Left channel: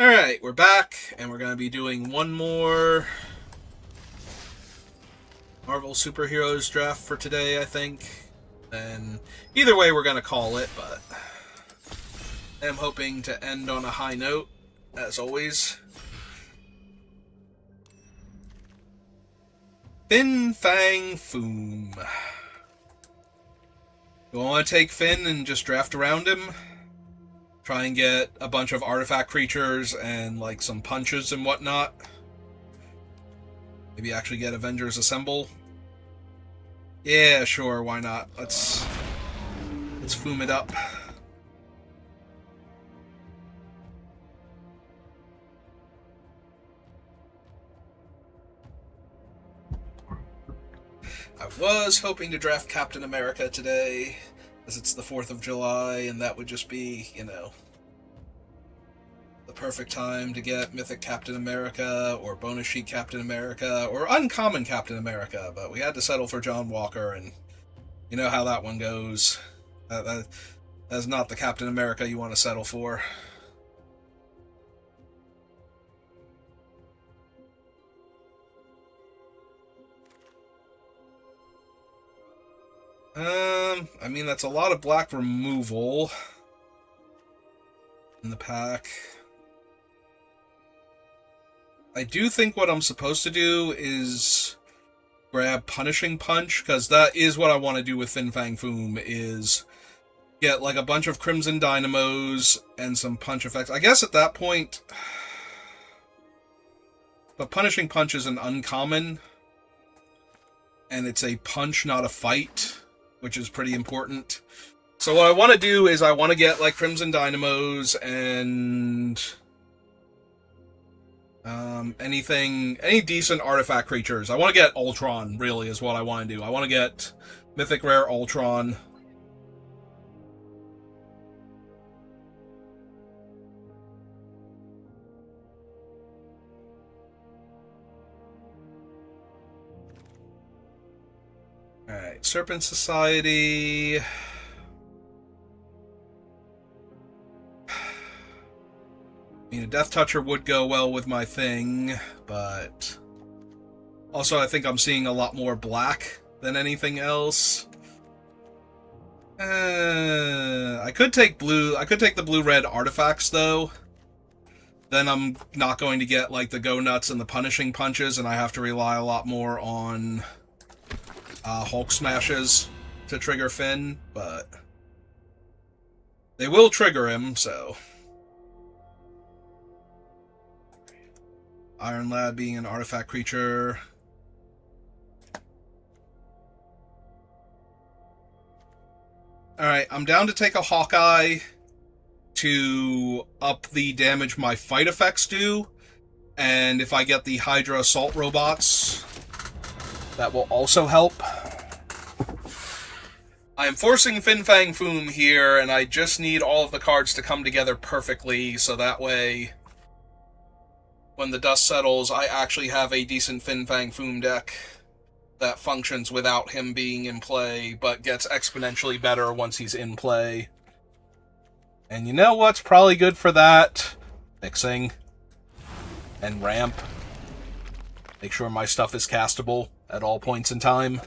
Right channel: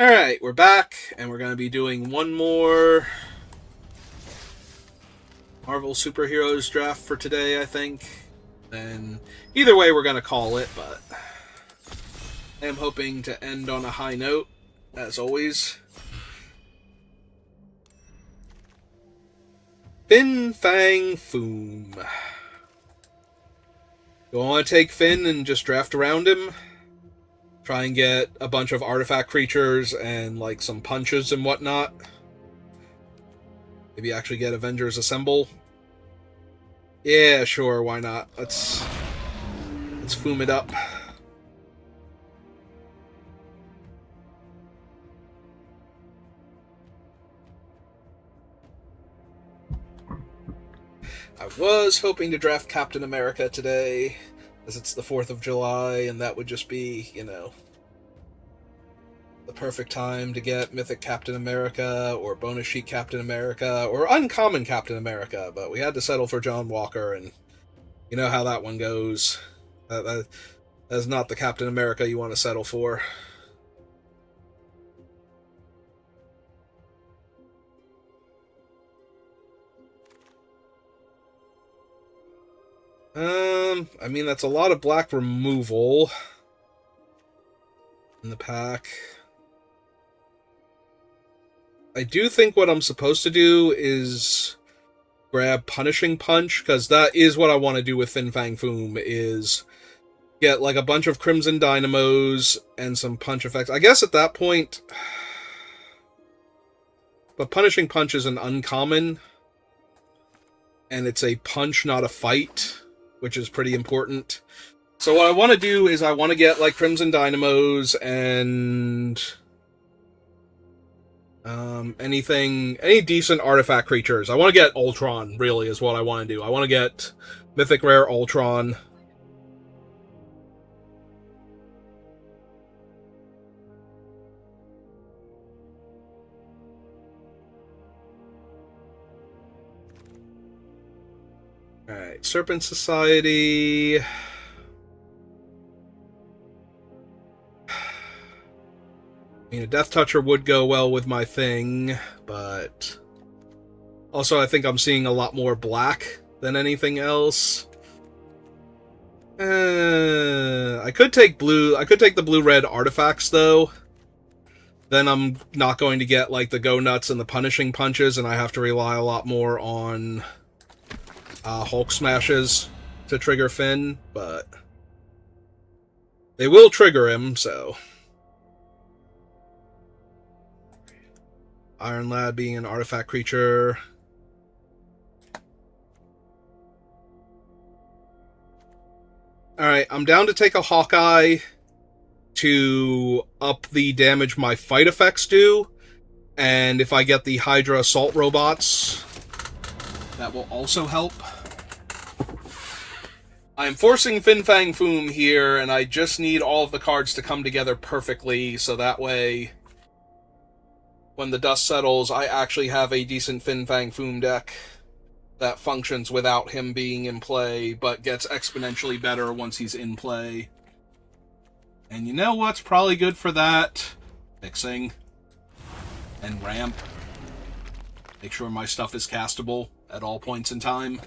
Alright, we're back, and we're going to be doing one more Marvel Superheroes draft for today, I think. And either way, we're going to call it, but I'm hoping to end on a high note, as always. Fin Fang Foom. Do I want to take Finn and just draft around him? Try and get a bunch of artifact creatures and, like, some punches and whatnot? Maybe actually get Avengers Assemble? Yeah, sure, why not? Let's foom it up. I was hoping to draft Captain America today, as it's the 4th of July, and that would just be, the perfect time to get Mythic Captain America, or Bonus Sheet Captain America, or Uncommon Captain America, but we had to settle for John Walker, and you know how that one goes. That's not the Captain America you want to settle for. I mean, that's a lot of black removal in the pack. I do think what I'm supposed to do is grab Punishing Punch, because that is what I want to do with Fin Fang Foom, is get like a bunch of Crimson Dynamos and some punch effects. I guess at that point, but Punishing Punch is an uncommon, and it's a punch, not a fight, which is pretty important. So what I want to do is I want to get like Crimson Dynamos and any decent artifact creatures. I want to get Ultron, really, is what I want to do. I want to get Mythic Rare Ultron. Alright, Serpent Society. I mean, a Death Toucher would go well with my thing, but also I think I'm seeing a lot more black than anything else. I could take blue. I could take the blue-red artifacts, though. Then I'm not going to get, like, the Go Nuts and the Punishing Punches, and I have to rely a lot more on Hulk Smashes to trigger Finn, but they will trigger him, so... Iron Lad being an artifact creature. Alright, I'm down to take a Hawkeye to up the damage my fight effects do. And if I get the Hydra Assault Robots, that will also help. I am forcing Fin Fang Foom here, and I just need all of the cards to come together perfectly, so that way, when the dust settles, I actually have a decent Fin Fang Foom deck that functions without him being in play, but gets exponentially better once he's in play. And you know what's probably good for that? Fixing. And ramp. Make sure my stuff is castable at all points in time.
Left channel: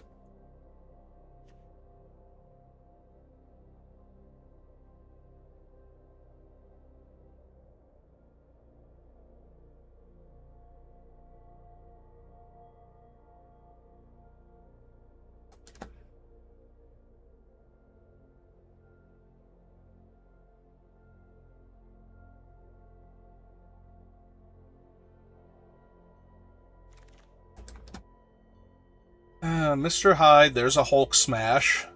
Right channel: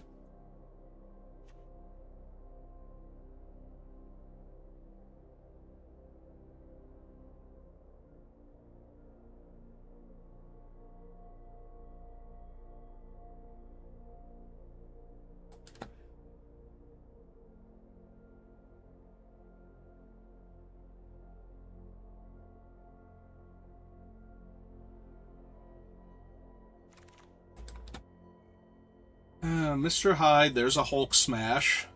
Mr. Hyde, there's a Hulk Smash.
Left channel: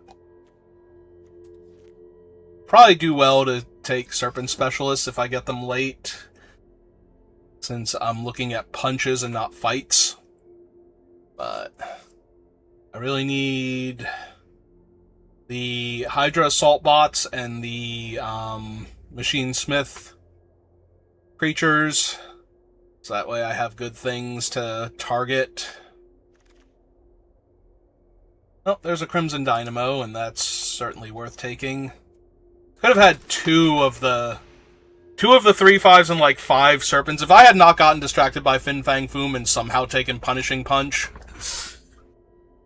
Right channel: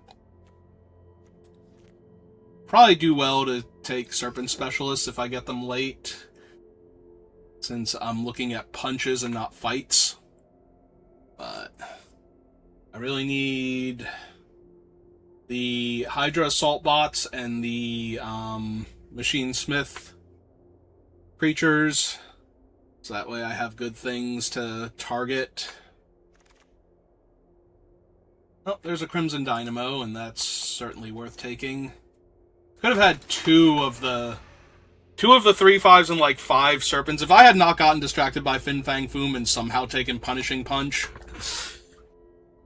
Probably do well to take Serpent Specialists if I get them late, since I'm looking at punches and not fights. But I really need the Hydra Assault Bots and the Machine Smith creatures, so that way I have good things to target. Oh, there's a Crimson Dynamo, and that's certainly worth taking. Could have had two of the 2 of the 3/5s and like 5 Serpents. If I had not gotten distracted by Fin Fang Foom and somehow taken Punishing Punch,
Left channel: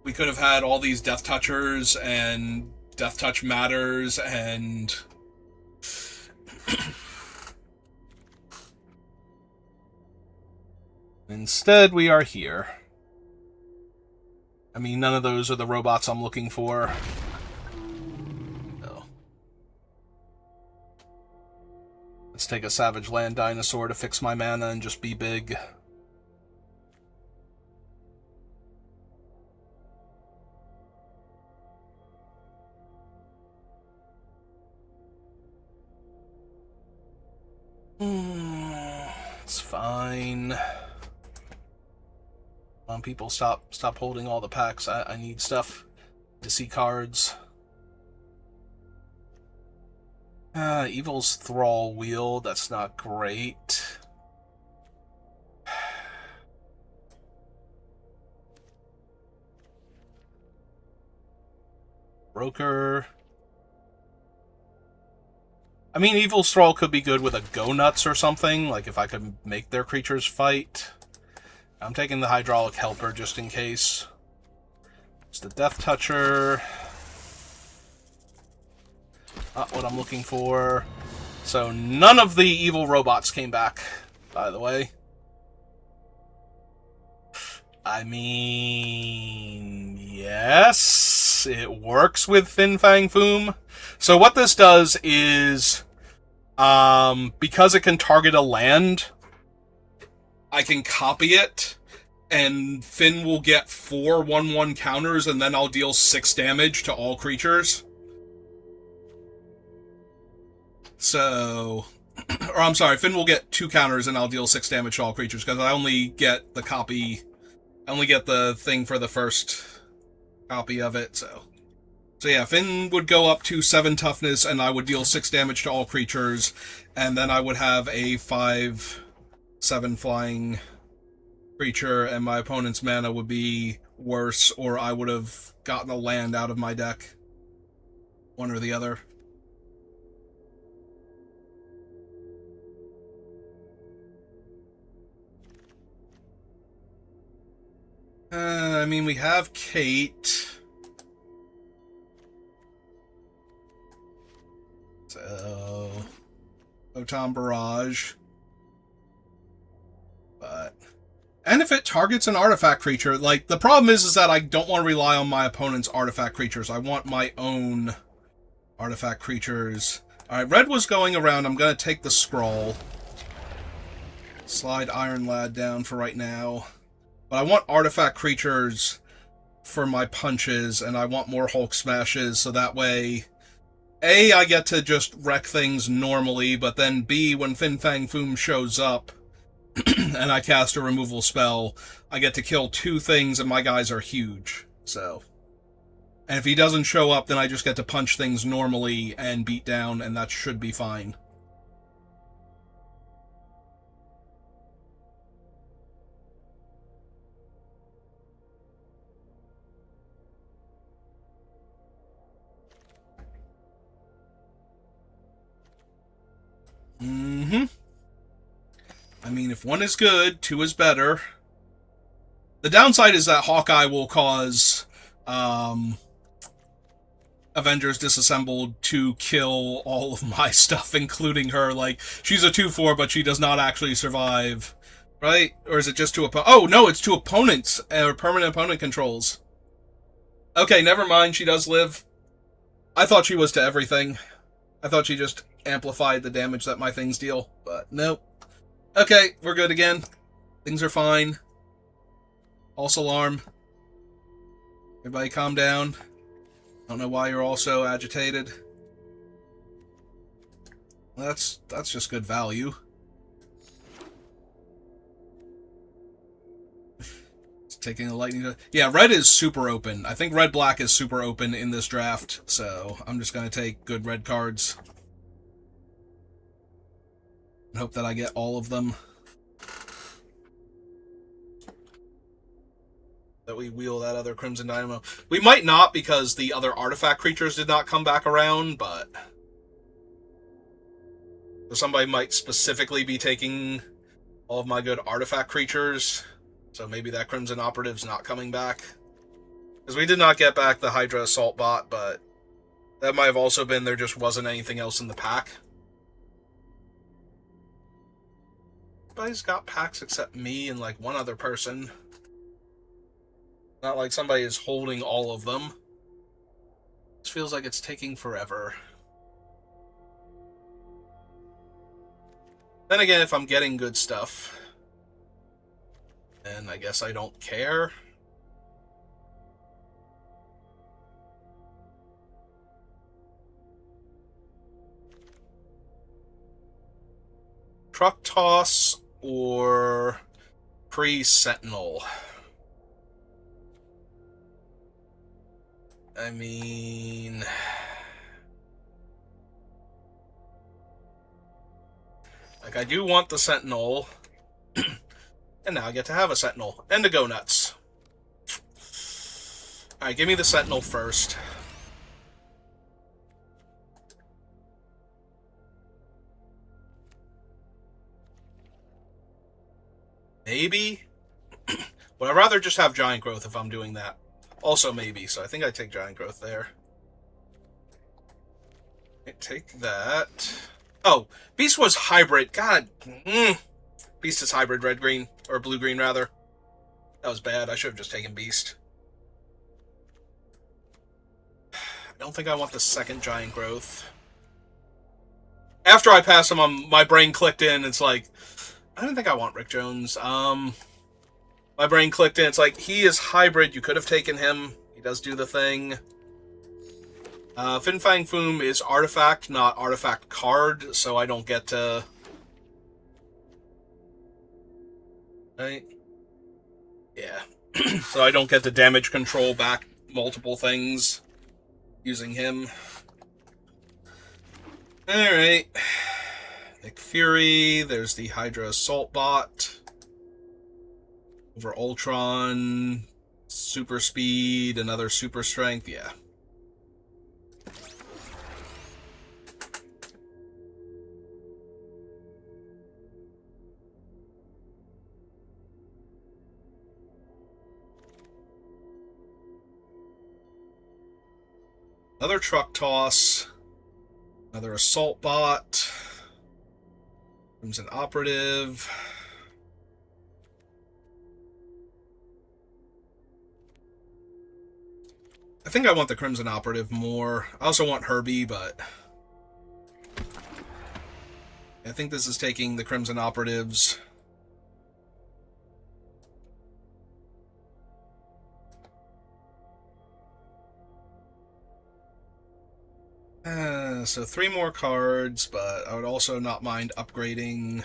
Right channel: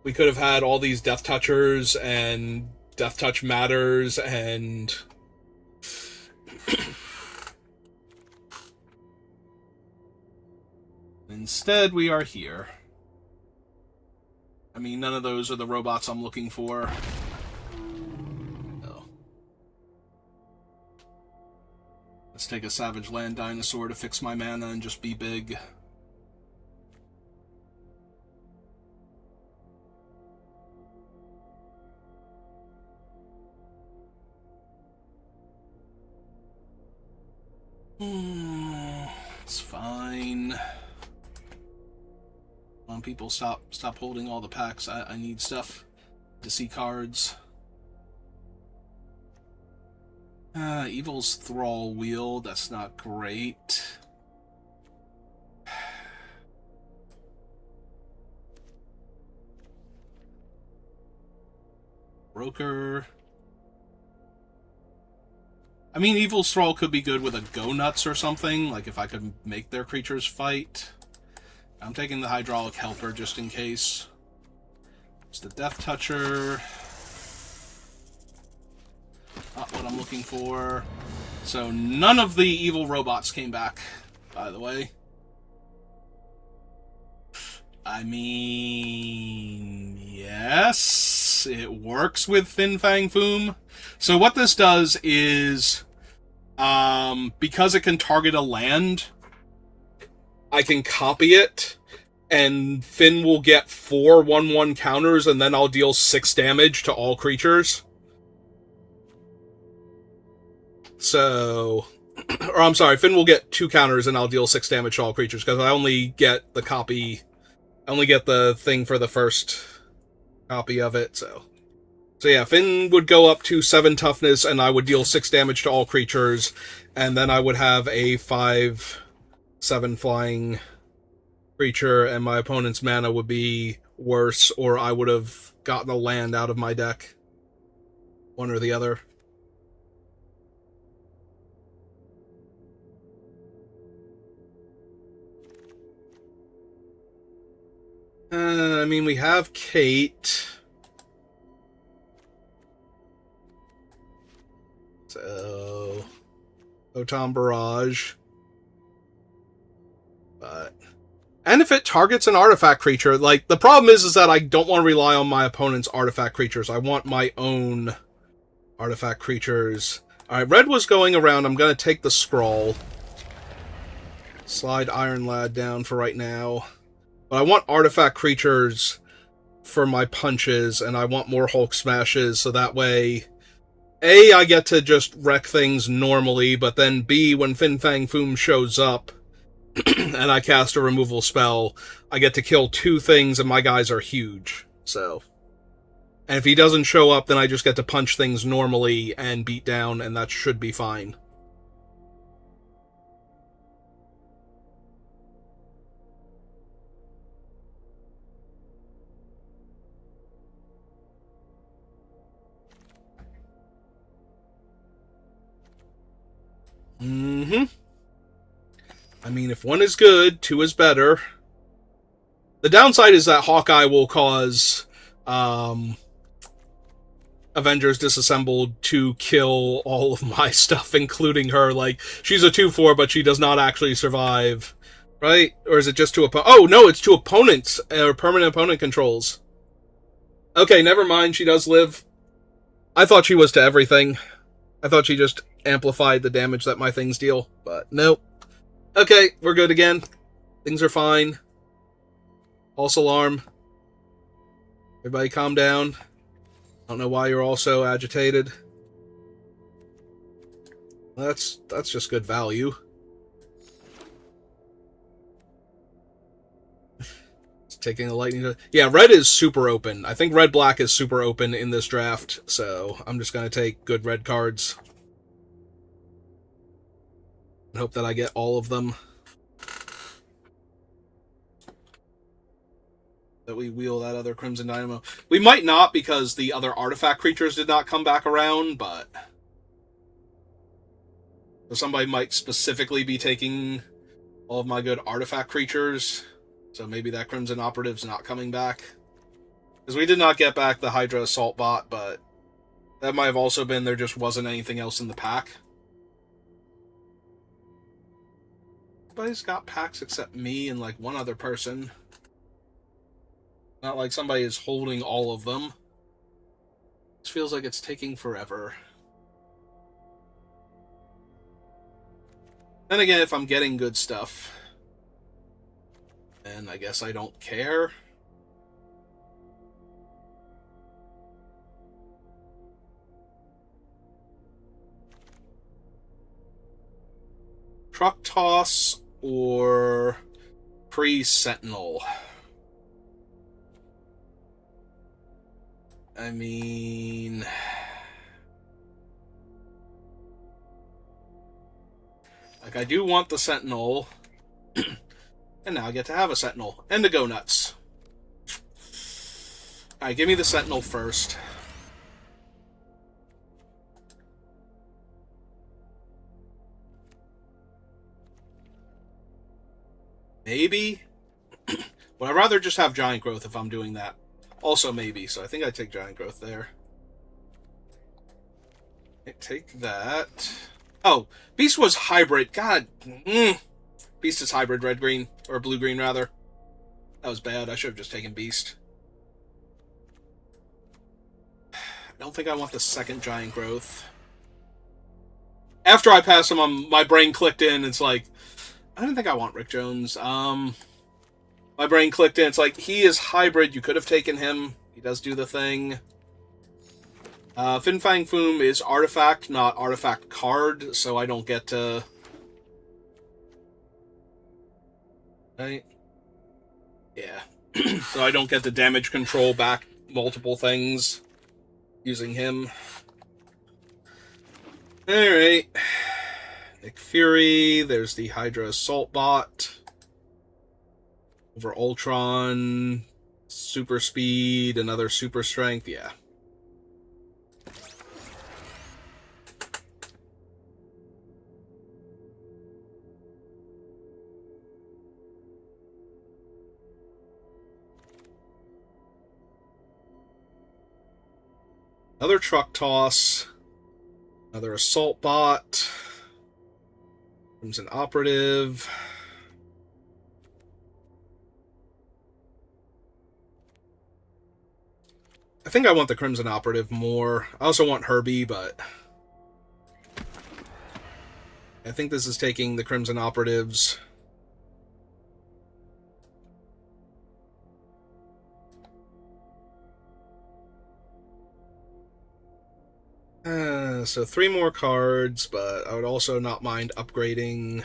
we could have had all these Death Touchers and Death Touch Matters and... Instead, we are here. I mean, none of those are the robots I'm looking for. No. Let's take a Savage Land Dinosaur to fix my mana and just be big. It's fine. Come on, people, stop holding all the packs. I need stuff to see cards. Evil's Thrall Wheel, that's not great. Broker. I mean, Evil's Thrall could be good with a Go Nuts or something, like if I could make their creatures fight. I'm taking the Hydraulic Helper just in case. It's the Death Toucher. Not what I'm looking for. So none of the evil robots came back, by the way. I mean, yes, it works with Fin Fang Foom. So what this does is, because it can target a land, I can copy it, and Finn will get 4 1/1 counters, and then I'll deal 6 damage to all creatures. So, or I'm sorry, Finn will get 2 counters, and I'll deal 6 damage to all creatures, because I only get the copy, I only get the thing for the first copy of it, so yeah, Finn would go up to 7 toughness, and I would deal 6 damage to all creatures, and then I would have a 5/7 flying creature, and my opponent's mana would be worse, or I would have gotten a land out of my deck. One or the other. I mean, we have Kate. So, Photon Barrage. But, and if it targets an artifact creature, like, the problem is that I don't want to rely on my opponent's artifact creatures. I want my own artifact creatures. Alright, red was going around. I'm going to take the scroll. Slide Iron Lad down for right now. But I want artifact creatures for my punches, and I want more Hulk Smashes, so that way, A, I get to just wreck things normally, but then B, when Fin Fang Foom shows up, and I cast a removal spell, I get to kill 2 things, and my guys are huge, so. And if he doesn't show up, then I just get to punch things normally and beat down, and that should be fine. I mean, if 1 is good, 2 is better. The downside is that Hawkeye will cause Avengers Disassembled to kill all of my stuff, including her. Like, she's a 2/4, but she does not actually survive. Right? Or is it just to oh, no, it's to opponents, or permanent opponent controls. Okay, never mind, she does live. I thought she was to everything. I thought she just amplified the damage that my things deal, but nope. Okay, we're good again. Things are fine. False alarm. Everybody calm down. I don't know why you're all so agitated. That's just good value. Taking a lightning. Yeah, red is super open. I think red-black is super open in this draft, so I'm just going to take good red cards. And hope that I get all of them. That we wheel that other Crimson Dynamo. We might not, because the other artifact creatures did not come back around, but So somebody might specifically be taking all of my good artifact creatures. So maybe that Crimson Operative's not coming back. Because we did not get back the Hydra Assault Bot, but that might have also been there just wasn't anything else in the pack. Everybody's got packs except me and like one other person. Not like somebody is holding all of them. This feels like it's taking forever. Then again, if I'm getting good stuff, then I guess I don't care. Truck Toss or Pre-Sentinel? I mean... like, I do want the Sentinel. And now I get to have a Sentinel. And to go nuts. Alright, give me the Sentinel first. Maybe? But I'd rather just have Giant Growth if I'm doing that. Also maybe, so I think I take Giant Growth there. Take that. Oh, Beast was hybrid. God. Beast is hybrid red-green. Or blue-green, rather. That was bad. I should have just taken Beast. I don't think I want the second Giant Growth. After I passed him, my brain clicked in. It's like, I don't think I want Rick Jones. My brain clicked in. It's like, he is hybrid. You could have taken him. He does do the thing. Fin Fang Foom is artifact, not artifact card, so I don't get to... Right? Yeah. So I don't get to damage control back multiple things using him. Alright. Nick Fury, there's the Hydra Assault Bot. Over Ultron, Super Speed, another Super Strength, yeah. Another Truck Toss. Another Assault Bot. Crimson Operative. I think I want the Crimson Operative more. I also want Herbie, but... I think this is taking the Crimson Operatives. So 3 more cards, but I would also not mind upgrading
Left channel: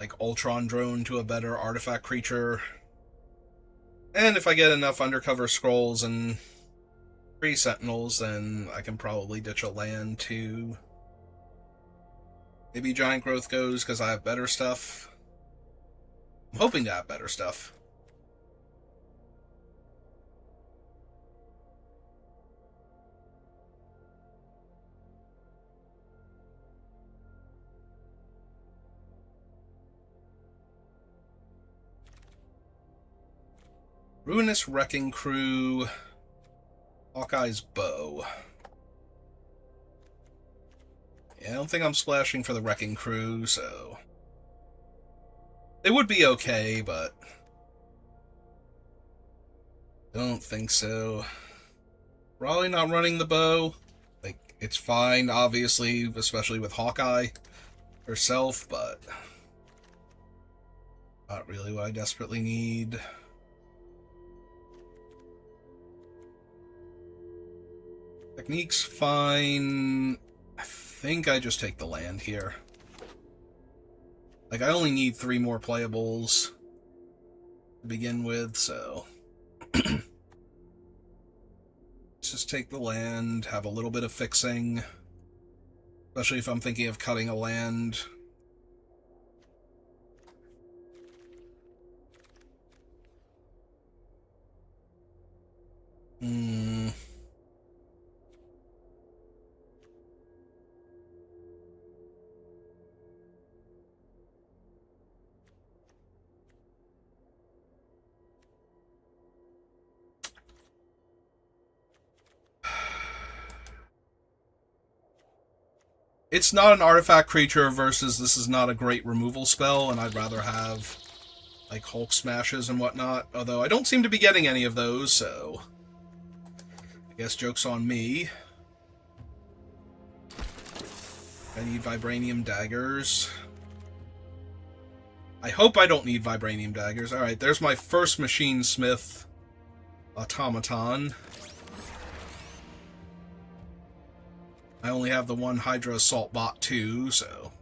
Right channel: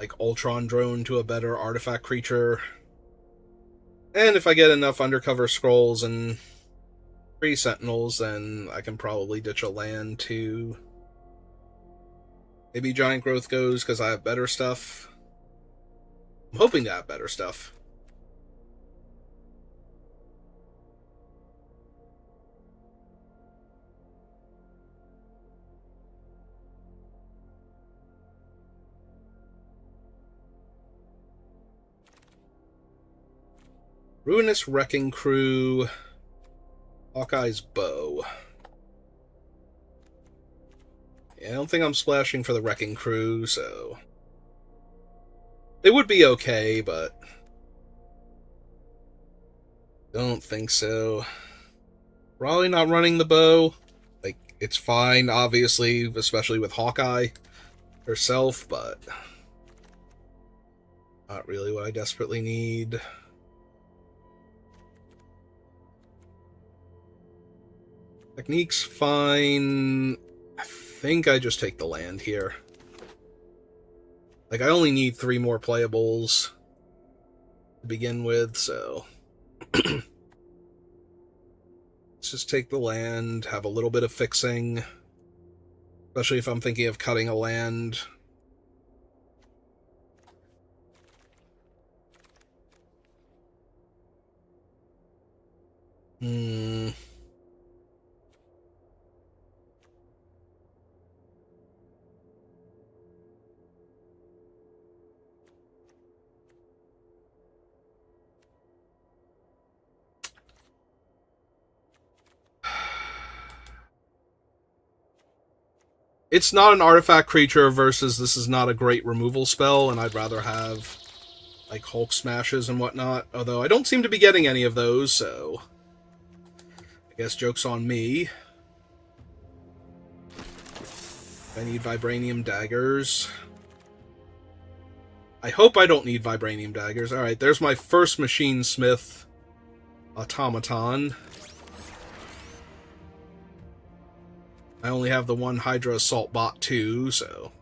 like Ultron Drone to a better artifact creature. And if I get enough Undercover Scrolls and 3 Sentinels, then I can probably ditch a land to... Maybe Giant Growth goes because I have better stuff. I'm hoping to have better stuff. Ruinous Wrecking Crew, Hawkeye's Bow. Yeah, I don't think I'm splashing for the Wrecking Crew, so... They would be okay, but... Don't think so. Probably not running the bow. Like, it's fine, obviously, especially with Hawkeye herself, but... Not really what I desperately need. Technique's fine. I think I just take the land here. Like, I only need 3 more playables to begin with, so... Let's just take the land, have a little bit of fixing. Especially if I'm thinking of cutting a land. It's not an artifact creature versus this is not a great removal spell, and I'd rather have, like, Hulk Smashes and whatnot. Although I don't seem to be getting any of those, so I guess joke's on me. I need Vibranium Daggers. I hope I don't need Vibranium Daggers. Alright, there's my first Machine Smith automaton. I only have the one Hydra Assault Bot too, so...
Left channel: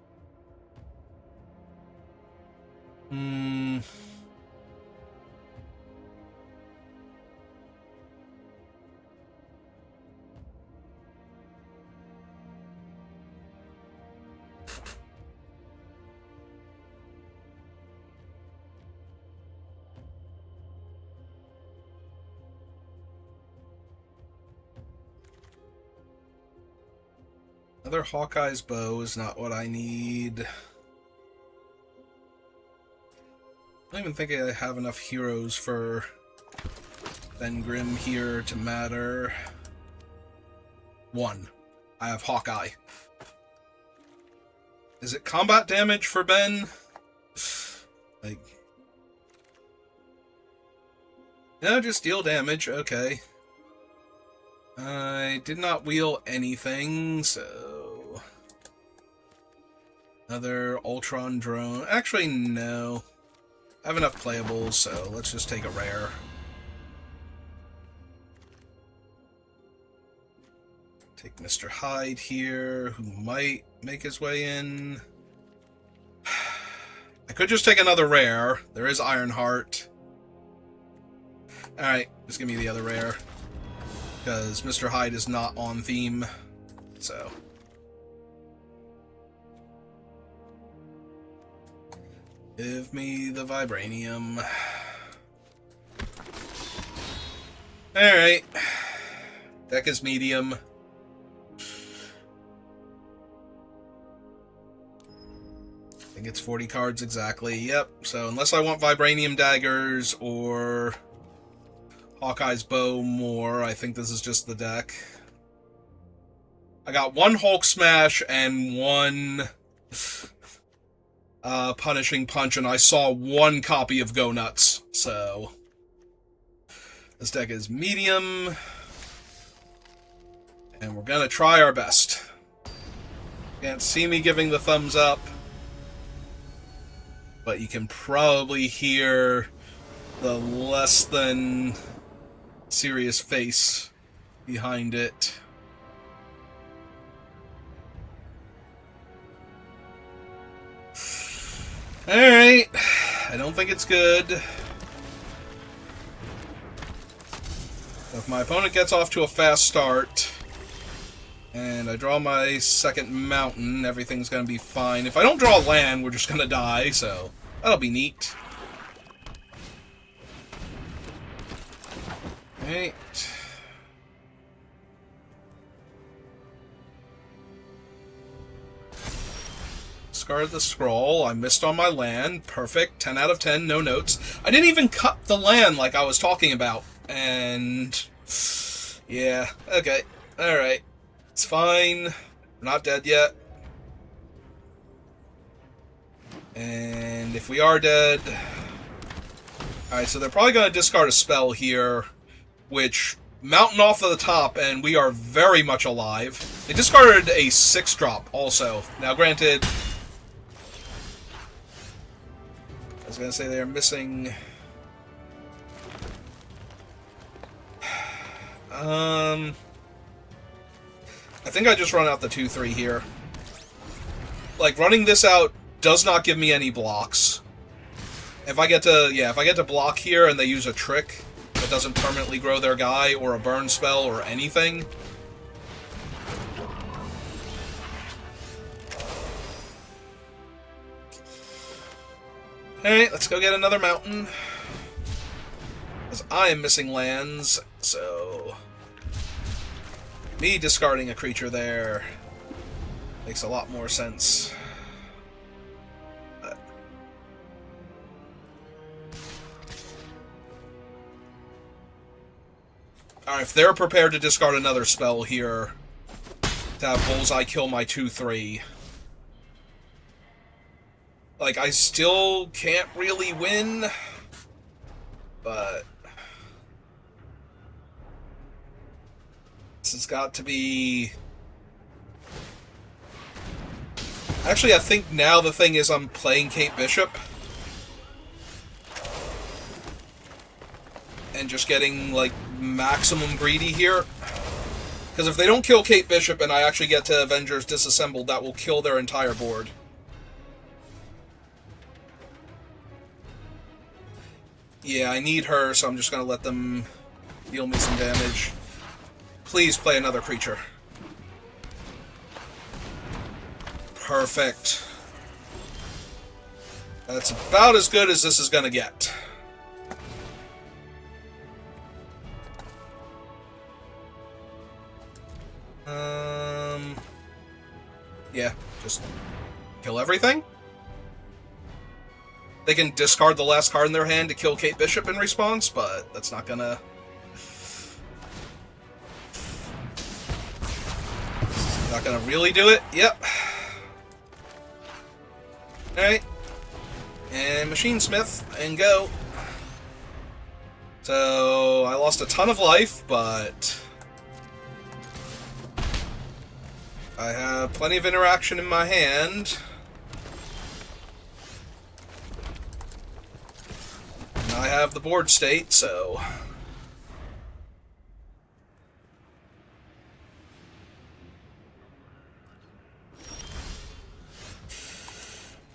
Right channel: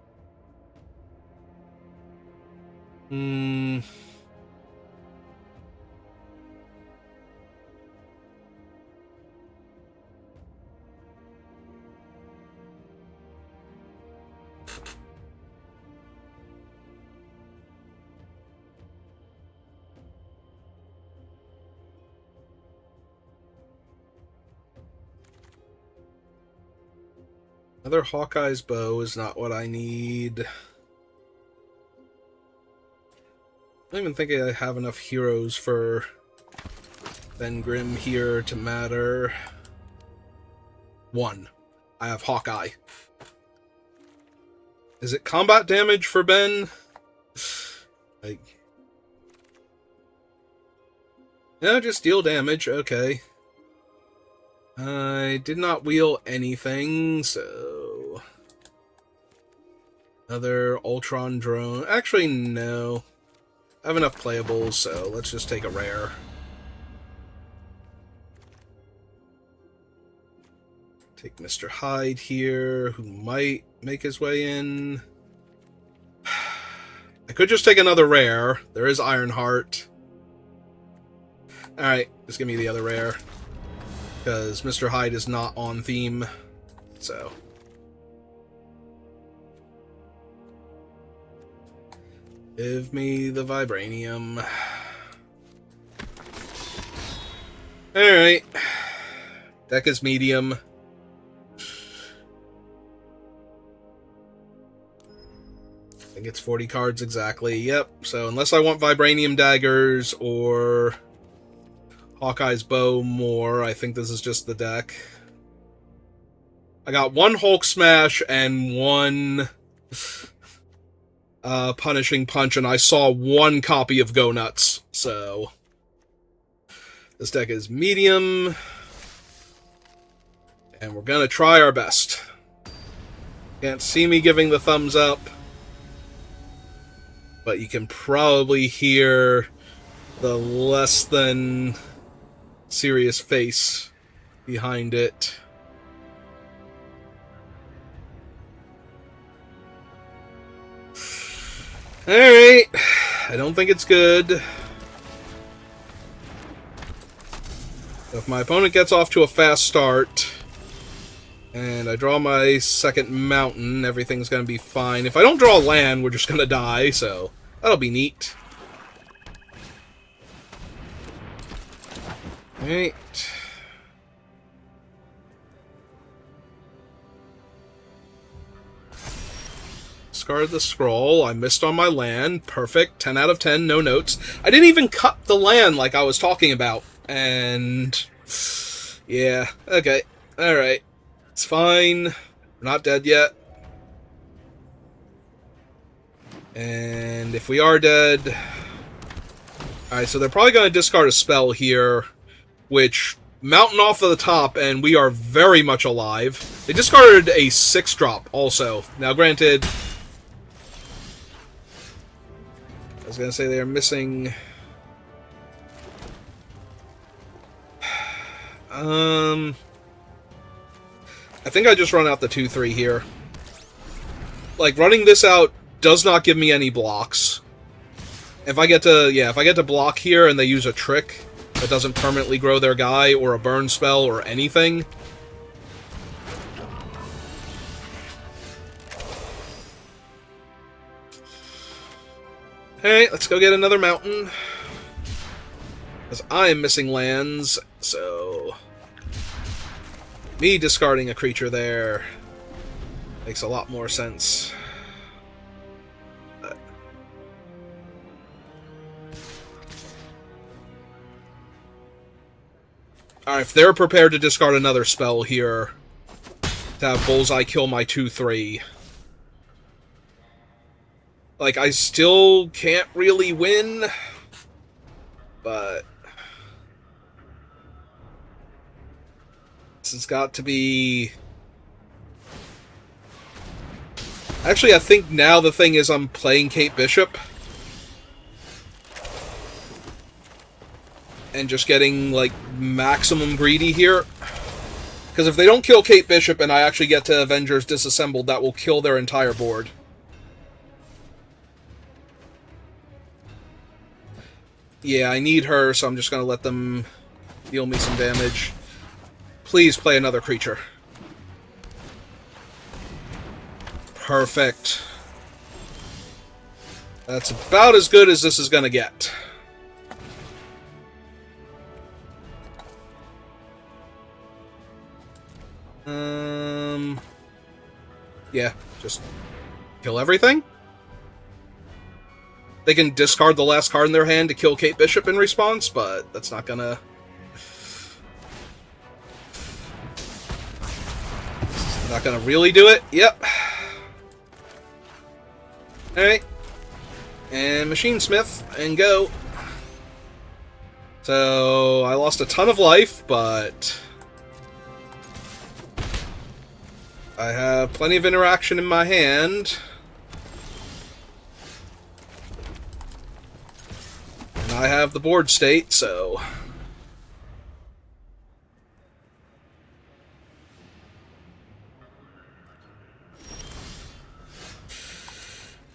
Another Hawkeye's Bow is not what I need. I don't even think I have enough heroes for Ben Grimm here to matter. 1. I have Hawkeye. Is it combat damage for Ben? Like... No, just deal damage. Okay. I did not wheel anything, so... Another Ultron drone. Actually, no. I have enough playables, so let's just take a rare. Take Mr. Hyde here, who might make his way in. I could just take another rare. There is Ironheart. Alright, just give me the other rare. Because Mr. Hyde is not on theme, so... Give me the Vibranium. Alright. Deck is medium. I think it's 40 cards exactly. Yep, so unless I want Vibranium Daggers or Hawkeye's Bow more, I think this is just the deck. I got one Hulk Smash and one... Punishing Punch, and I saw one copy of Go Nuts, so... This deck is medium. And we're gonna try our best. Can't see me giving the thumbs up. But you can probably hear the less than serious face behind it. Alright, I don't think it's good. If my opponent gets off to a fast start, and I draw my second mountain, everything's going to be fine. If I don't draw land, we're just going to die, so that'll be neat. Alright. Discard the scroll. I missed on my land. Perfect. 10 out of 10. No notes. I didn't even cut the land like I was talking about. And... yeah. Okay. Alright. It's fine. We're not dead yet. And if we are dead... Alright, so they're probably going to discard a spell here, which... Mountain off of the top, and we are very much alive. They discarded a 6-drop also. Now, granted... I was going to say they are missing... I think I just run out the 2-3 here. Like, running this out does not give me any blocks. If I get to block here and they use a trick that doesn't permanently grow their guy, or a burn spell, or anything... Alright, let's go get another mountain. Because I am missing lands, so... me discarding a creature there makes a lot more sense. But... Alright, if they're prepared to discard another spell here, to have Bullseye kill my 2-3. Like, I still can't really win, but this has got to be... Actually, I think now the thing is I'm playing Kate Bishop and just getting, like, maximum greedy here. Because if they don't kill Kate Bishop and I actually get to Avengers Disassembled, that will kill their entire board. Yeah, I need her, so I'm just going to let them deal me some damage. Please play another creature. Perfect. That's about as good as this is going to get. Yeah, just kill everything. They can discard the last card in their hand to kill Kate Bishop in response, but that's not gonna... Not gonna really do it. Yep. Alright. And Machine Smith, and go. So, I lost a ton of life, but... I have plenty of interaction in my hand. And I have the board state, so...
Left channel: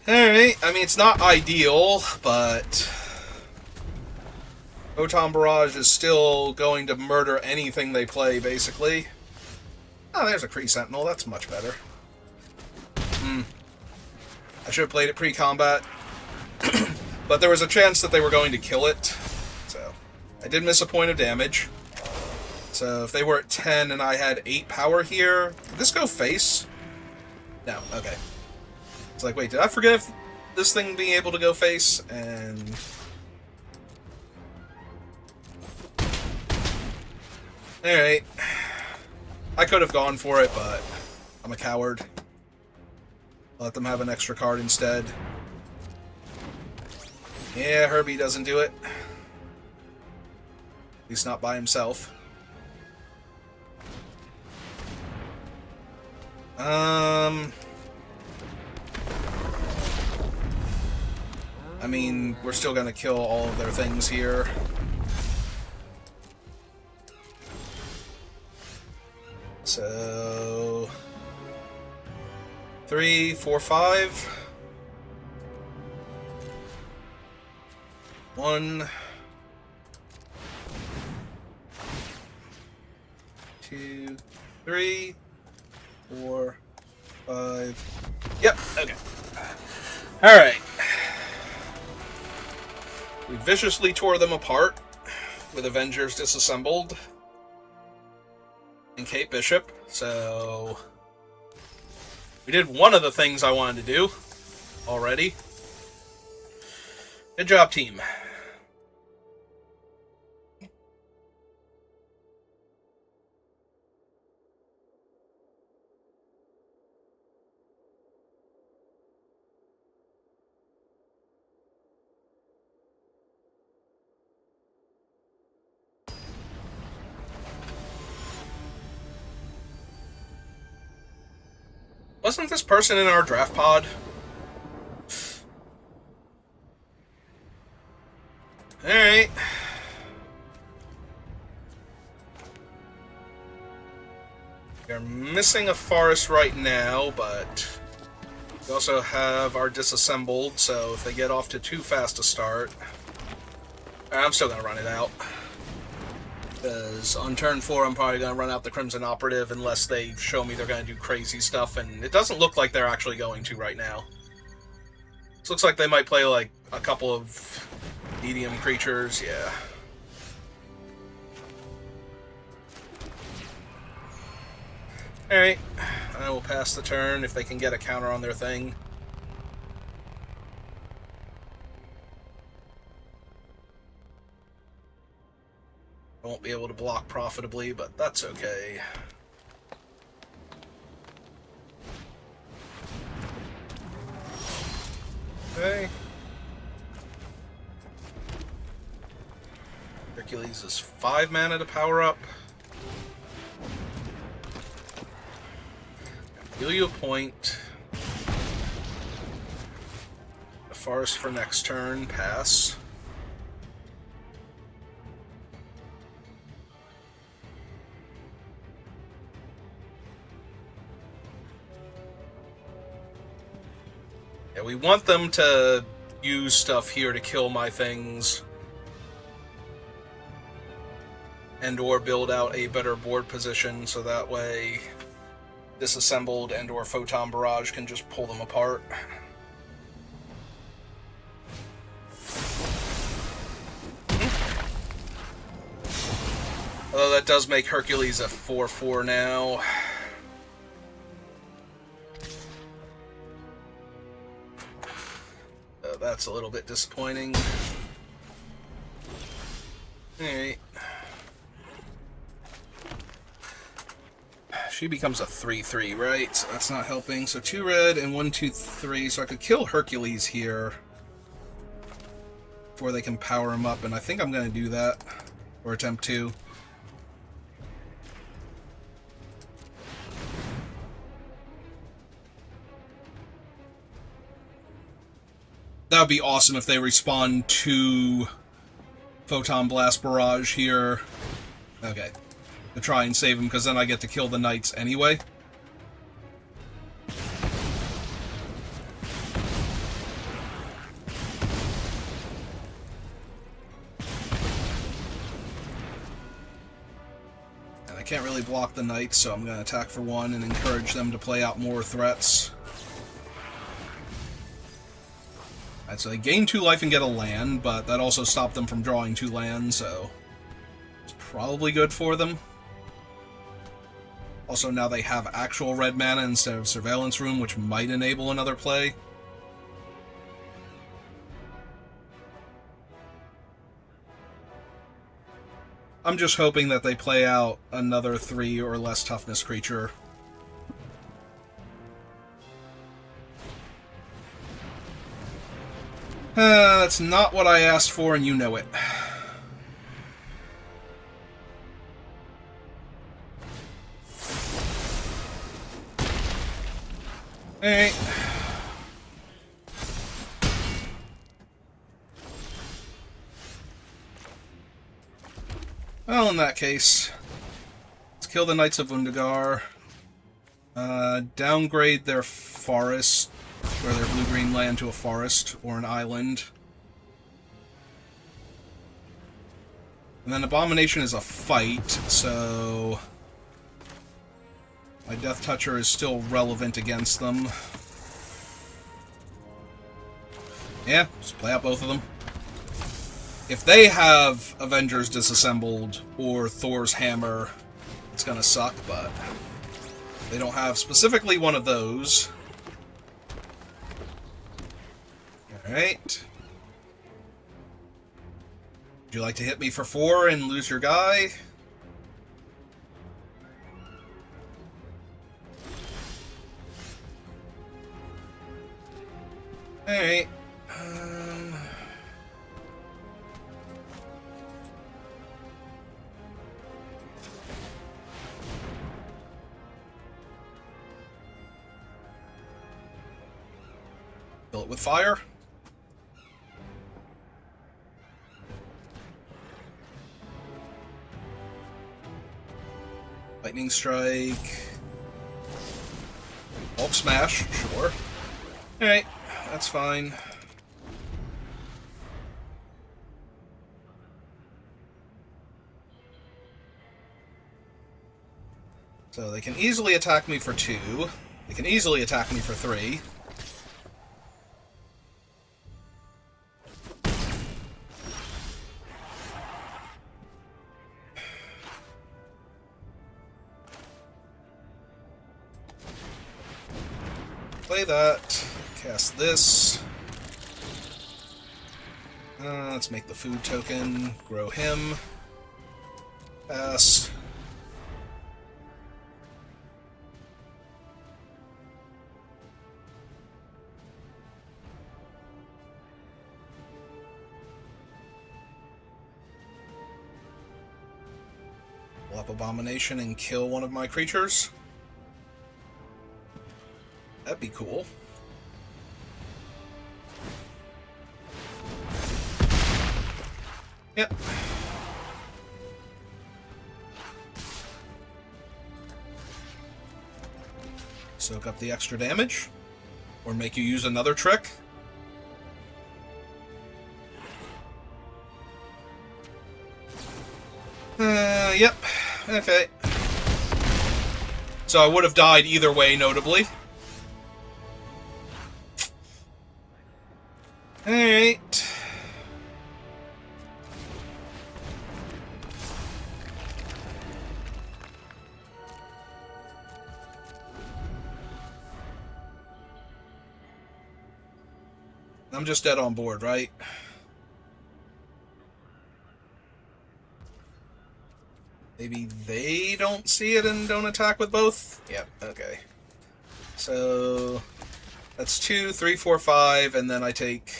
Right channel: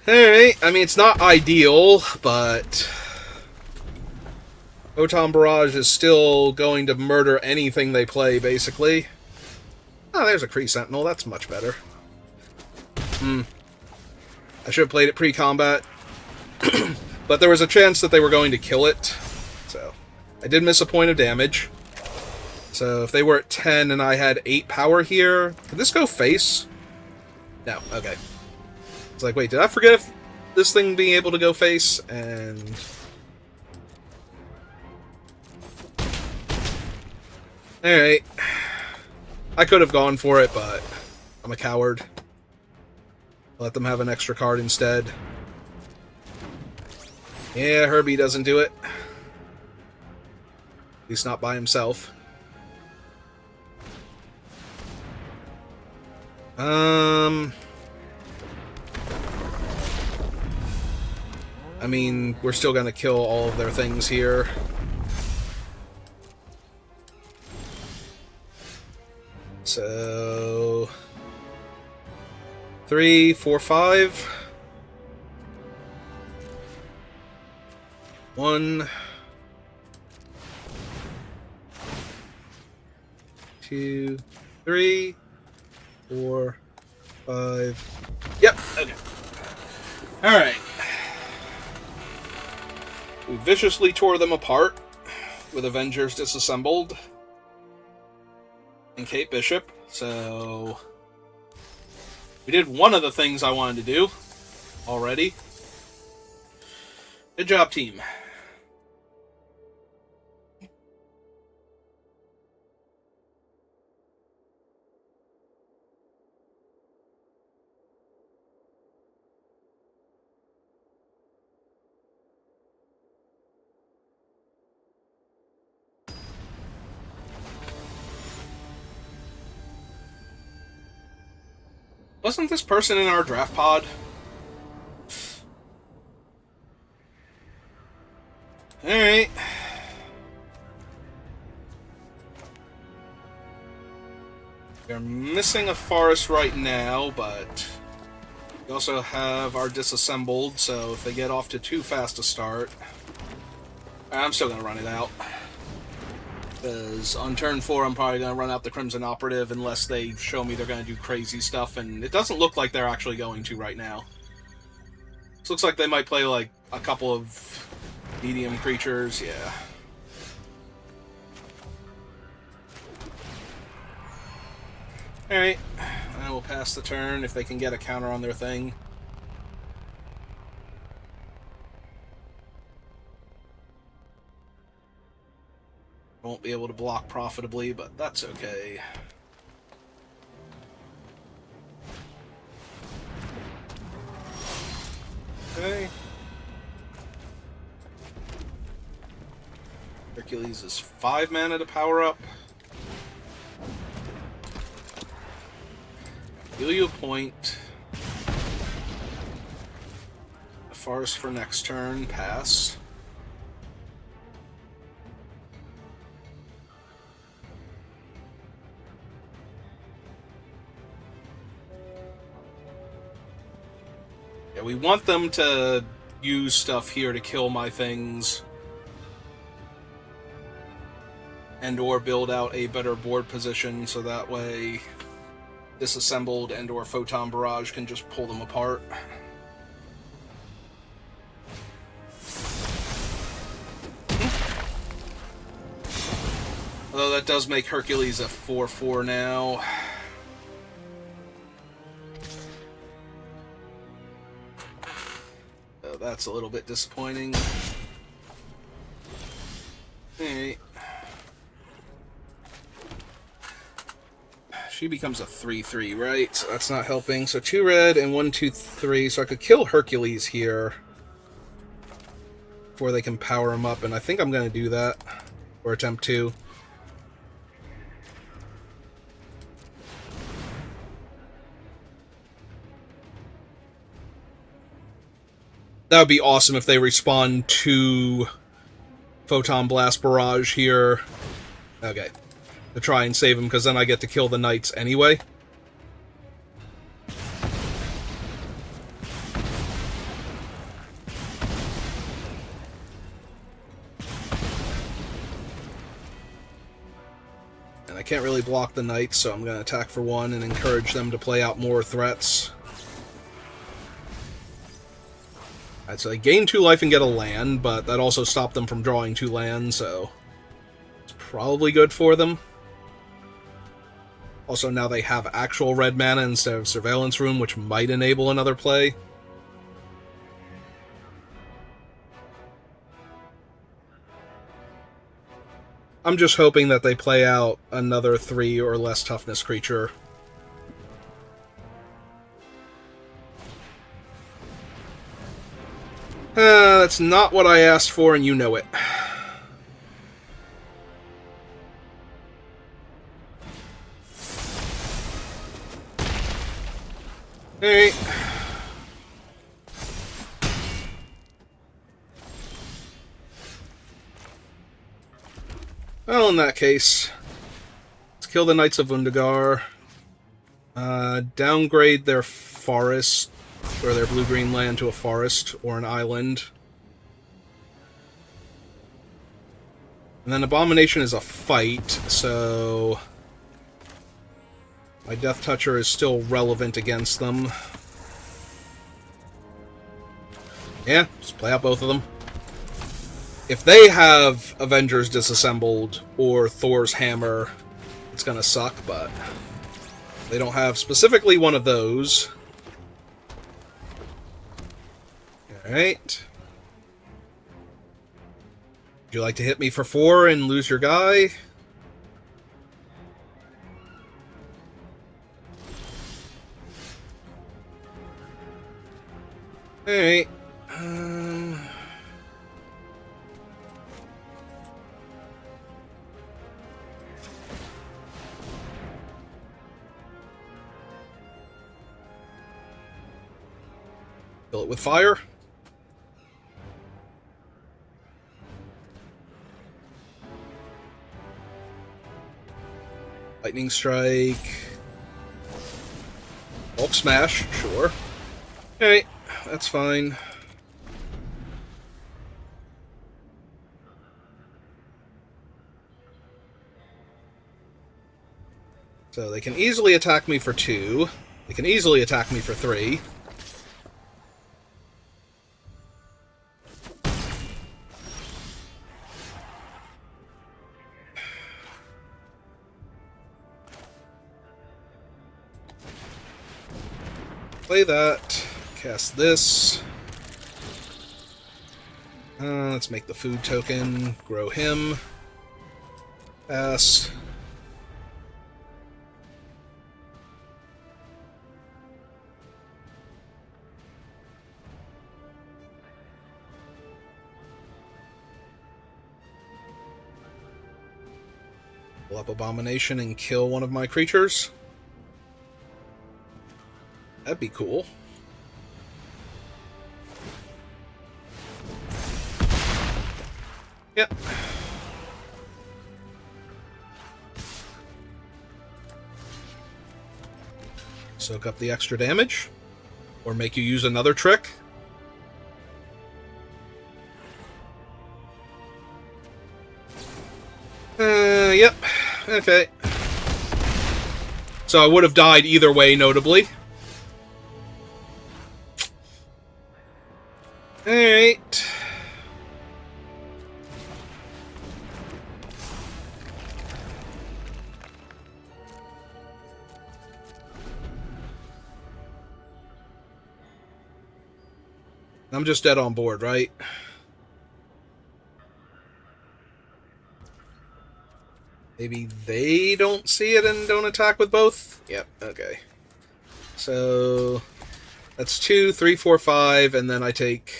Alright, I mean, it's not ideal, but... Photon Barrage is still going to murder anything they play, basically. Oh, there's a Kree Sentinel. That's much better. I should have played it pre-combat. But there was a chance that they were going to kill it. So, I did miss a point of damage. So, if they were at 10 and I had 8 power here... Did this go face? No, okay. It's like, wait, did I forget this thing being able to go face? And... Alright. I could have gone for it, but I'm a coward. Let them have an extra card instead. Yeah, Herbie doesn't do it. At least not by himself. I mean, we're still gonna kill all of their things here. So... 3, 4, 5. 1, 2, 3, 4, 5. Yep, okay. Alright. We viciously tore them apart with Avengers Disassembled and Kate Bishop, so we did one of the things I wanted to do already. Good job, team. Wasn't this person in our draft pod? Alright. We're missing a forest right now, but we also have our Disassembled, so if they get off to too fast a start... I'm still going to run it out. Because on turn 4, I'm probably going to run out the Crimson Operative unless they show me they're going to do crazy stuff, and it doesn't look like they're actually going to right now. This looks like they might play, like, a couple of medium creatures, yeah. Alright, I will pass the turn if they can get a counter on their thing. I won't be able to block profitably, but that's okay. Hercules is 5 mana to power up. Heal you a point. A forest for next turn. Pass. Yeah, we want them to use stuff here to kill my things. And or build out a better board position so that way Disassembled and or Photon Barrage can just pull them apart. Although that does make Hercules a 4/4 now. That's a little bit disappointing. Alright. She becomes a 3/3, right? So that's not helping. So 2 red and 1, 2, 3. So I could kill Hercules here before they can power him up, and I think I'm going to do that. Or attempt to. That would be awesome if they respawn to Photon Blast Barrage here. Okay. To try and save him, because then I get to kill the knights anyway. And I can't really block the knights, so I'm going to attack for 1 and encourage them to play out more threats. Alright, so they gain 2 life and get a land, but that also stopped them from drawing 2 lands, so it's probably good for them. Also, now they have actual red mana instead of Surveillance Room, which might enable another play. I'm just hoping that they play out another 3 or less toughness creature. That's not what I asked for, and you know it. Alright. Well, in that case, let's kill the Knights of Undagar. Downgrade their forest, or their blue-green land to a forest or an island. And then Abomination is a fight, so my Death Toucher is still relevant against them. Yeah, just play out both of them. If they have Avengers Disassembled or Thor's Hammer, it's gonna suck, but they don't have specifically one of those. Alright. Would you like to hit me for 4 and lose your guy? Alright. Fill it with fire. Lightning Strike. Bulk Smash, sure. Alright, that's fine. So they can easily attack me for 2. They can easily attack me for 3. Play that. Cast this. Let's make the food token. Grow him. Pass. Pull up Abomination and kill one of my creatures. That'd be cool. Yep. Soak up the extra damage. Or make you use another trick. Yep. Okay. So I would have died either way, notably. Alright. I'm just dead on board, right? Maybe they don't see it and don't attack with both? Yep, okay. So that's 2, 3, 4, 5, and then I take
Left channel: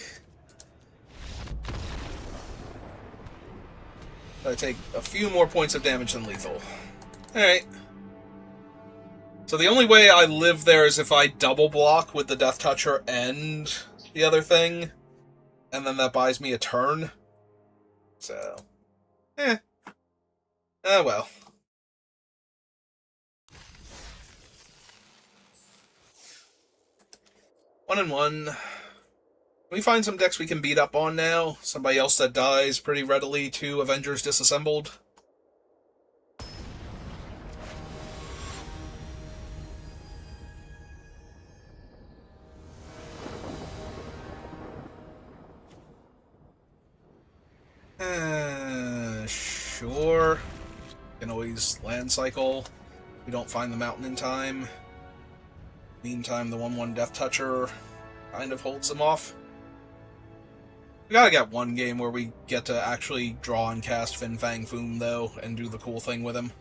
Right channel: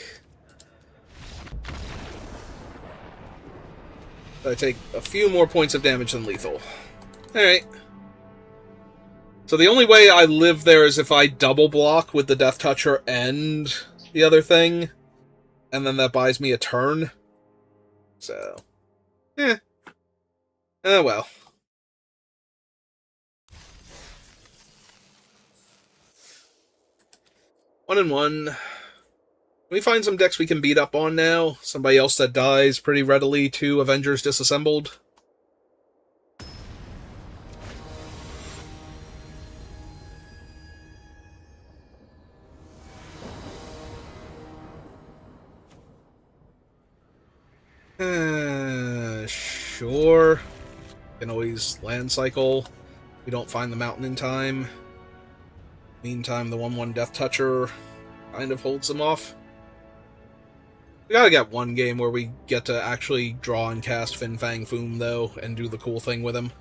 a few more points of damage than lethal. Alright. So the only way I live there is if I double block with the Death Toucher and the other thing, and then that buys me a turn. So, oh well. One and one. Can we find some decks we can beat up on now? Somebody else that dies pretty readily to Avengers Disassembled? Sure. Can always land cycle. We don't find the mountain in time. Meantime, the 1/1 Death Toucher kind of holds them off. We gotta get one game where we get to actually draw and cast Fin Fang Foom, though, and do the cool thing with him.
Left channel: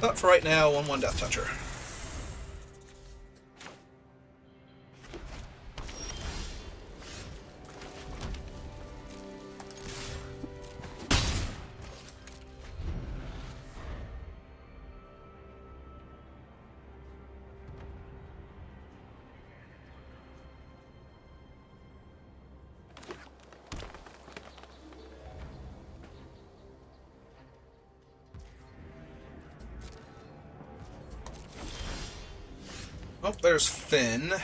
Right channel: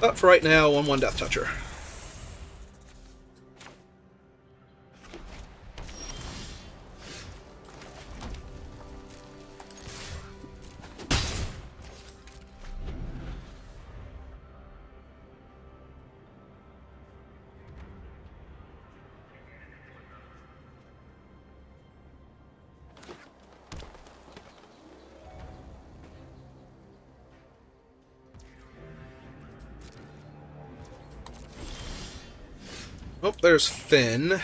But for right now, 1/1 Death Toucher. Oh, there's Finn.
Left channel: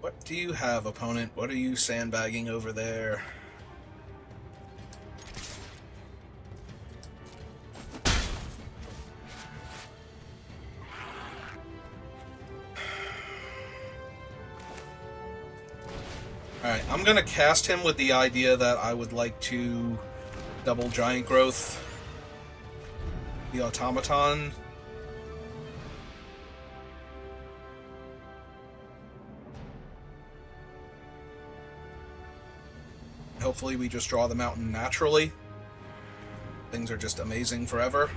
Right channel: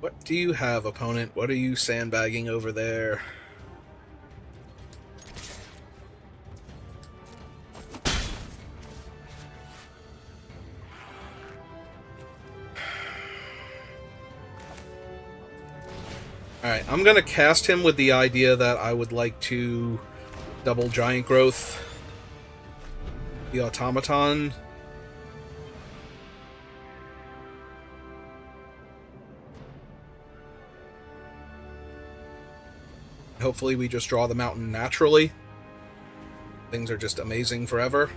What do you have, opponent? What are you sandbagging over there? Alright, I'm gonna cast him with the idea that I would like to double Giant Growth the Automaton. Hopefully we just draw the mountain naturally. Things are just amazing forever.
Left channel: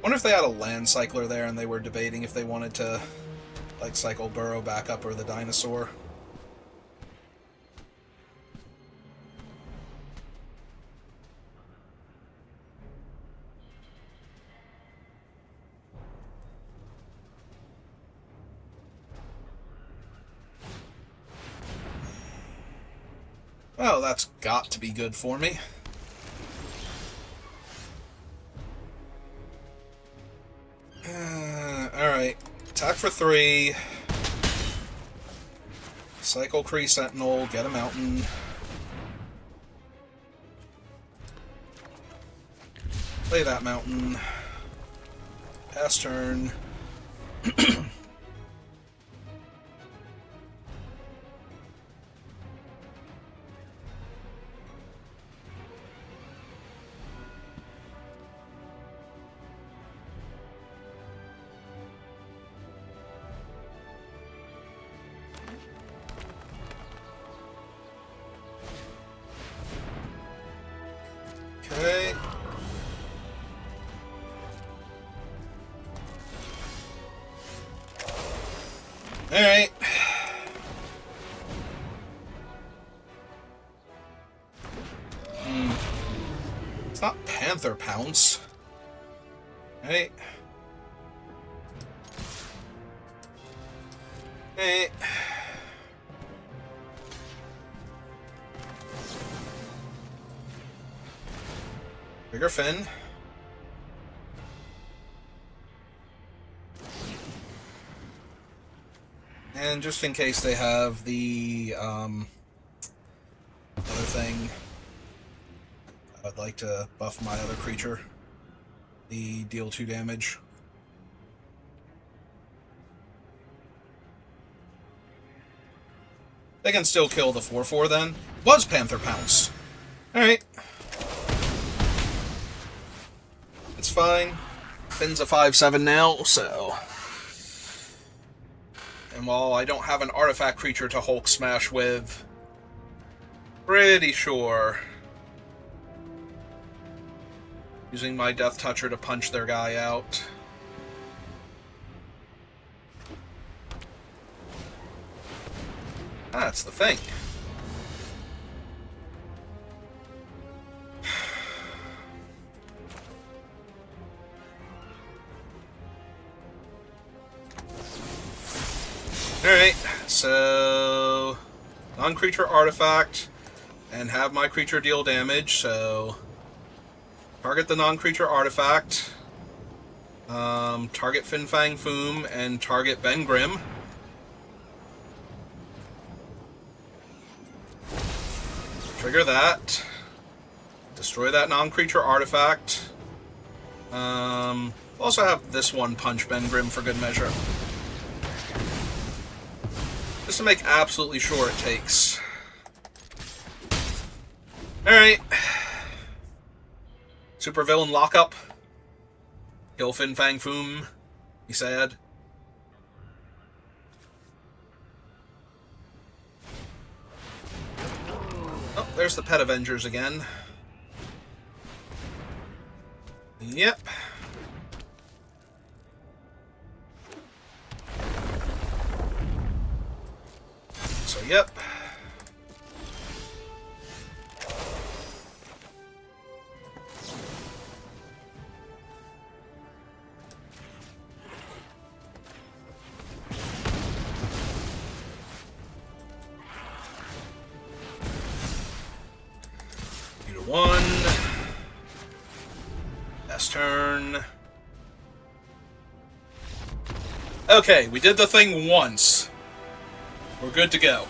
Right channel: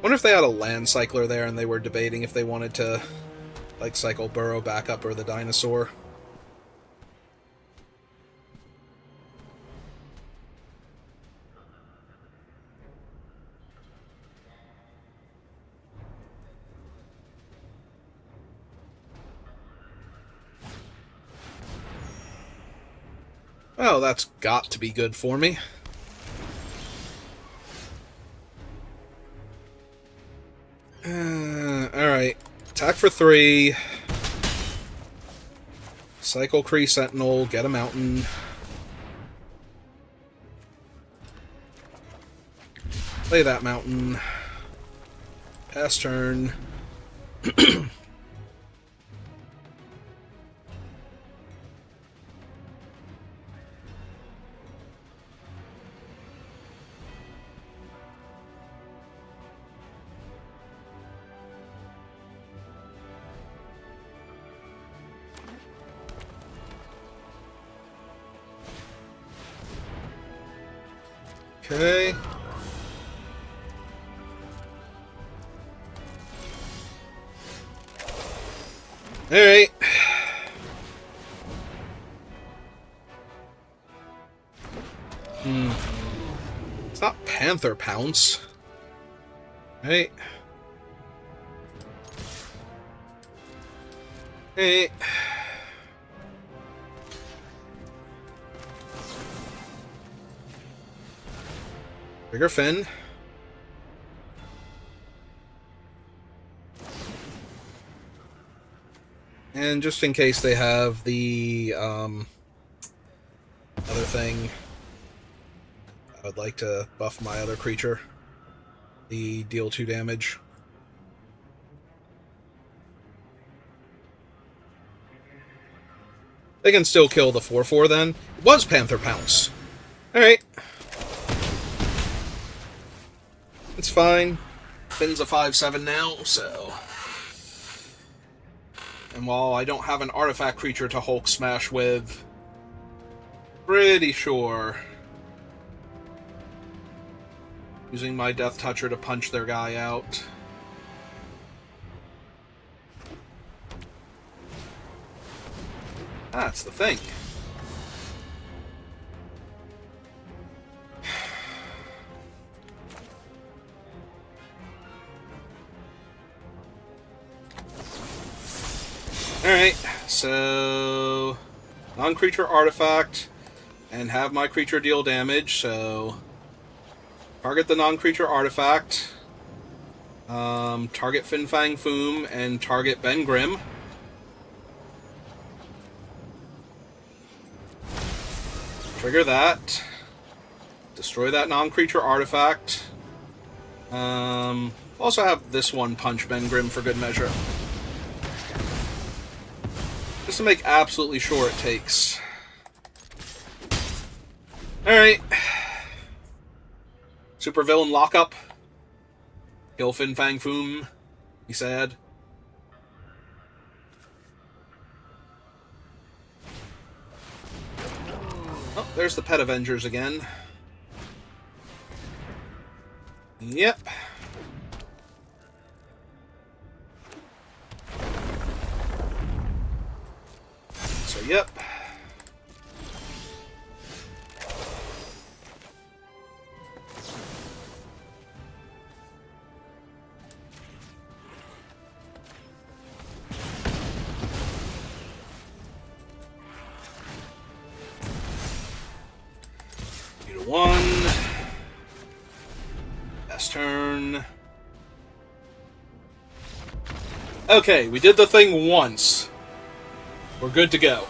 Wonder if they had a land cycler there and they were debating if they wanted to like cycle Burrow back up or the dinosaur. Well, that's got to be good for me. Alright. Attack for 3. Cycle Kree Sentinel, get a mountain. Play that mountain. Pass turn. Okay. Alright. It's not Panther Pounce. Right. Hey. Bigger Fin. And just in case they have the other thing, I would like to buff my other creature. The deal 2 damage. They can still kill the 4/4 then. It was Panther Pounce. Alright. It's fine. Finn's a 5/7 now, so. And while I don't have an artifact creature to Hulk Smash with, pretty sure using my Death Toucher to punch their guy out. That's the thing. Alright, so non-creature artifact and have my creature deal damage, so target the non-creature artifact, target Fin Fang Foom, and target Ben Grimm. Trigger that. Destroy that non-creature artifact. Also have this one punch Ben Grimm for good measure. Just to make absolutely sure it takes. Alright. Supervillain lockup. Kill Fin Fang Foom. He said. Oh, there's the Pet Avengers again. Yep. So, yep. Need a 1. Best turn. Okay, we did the thing once. We're good to go.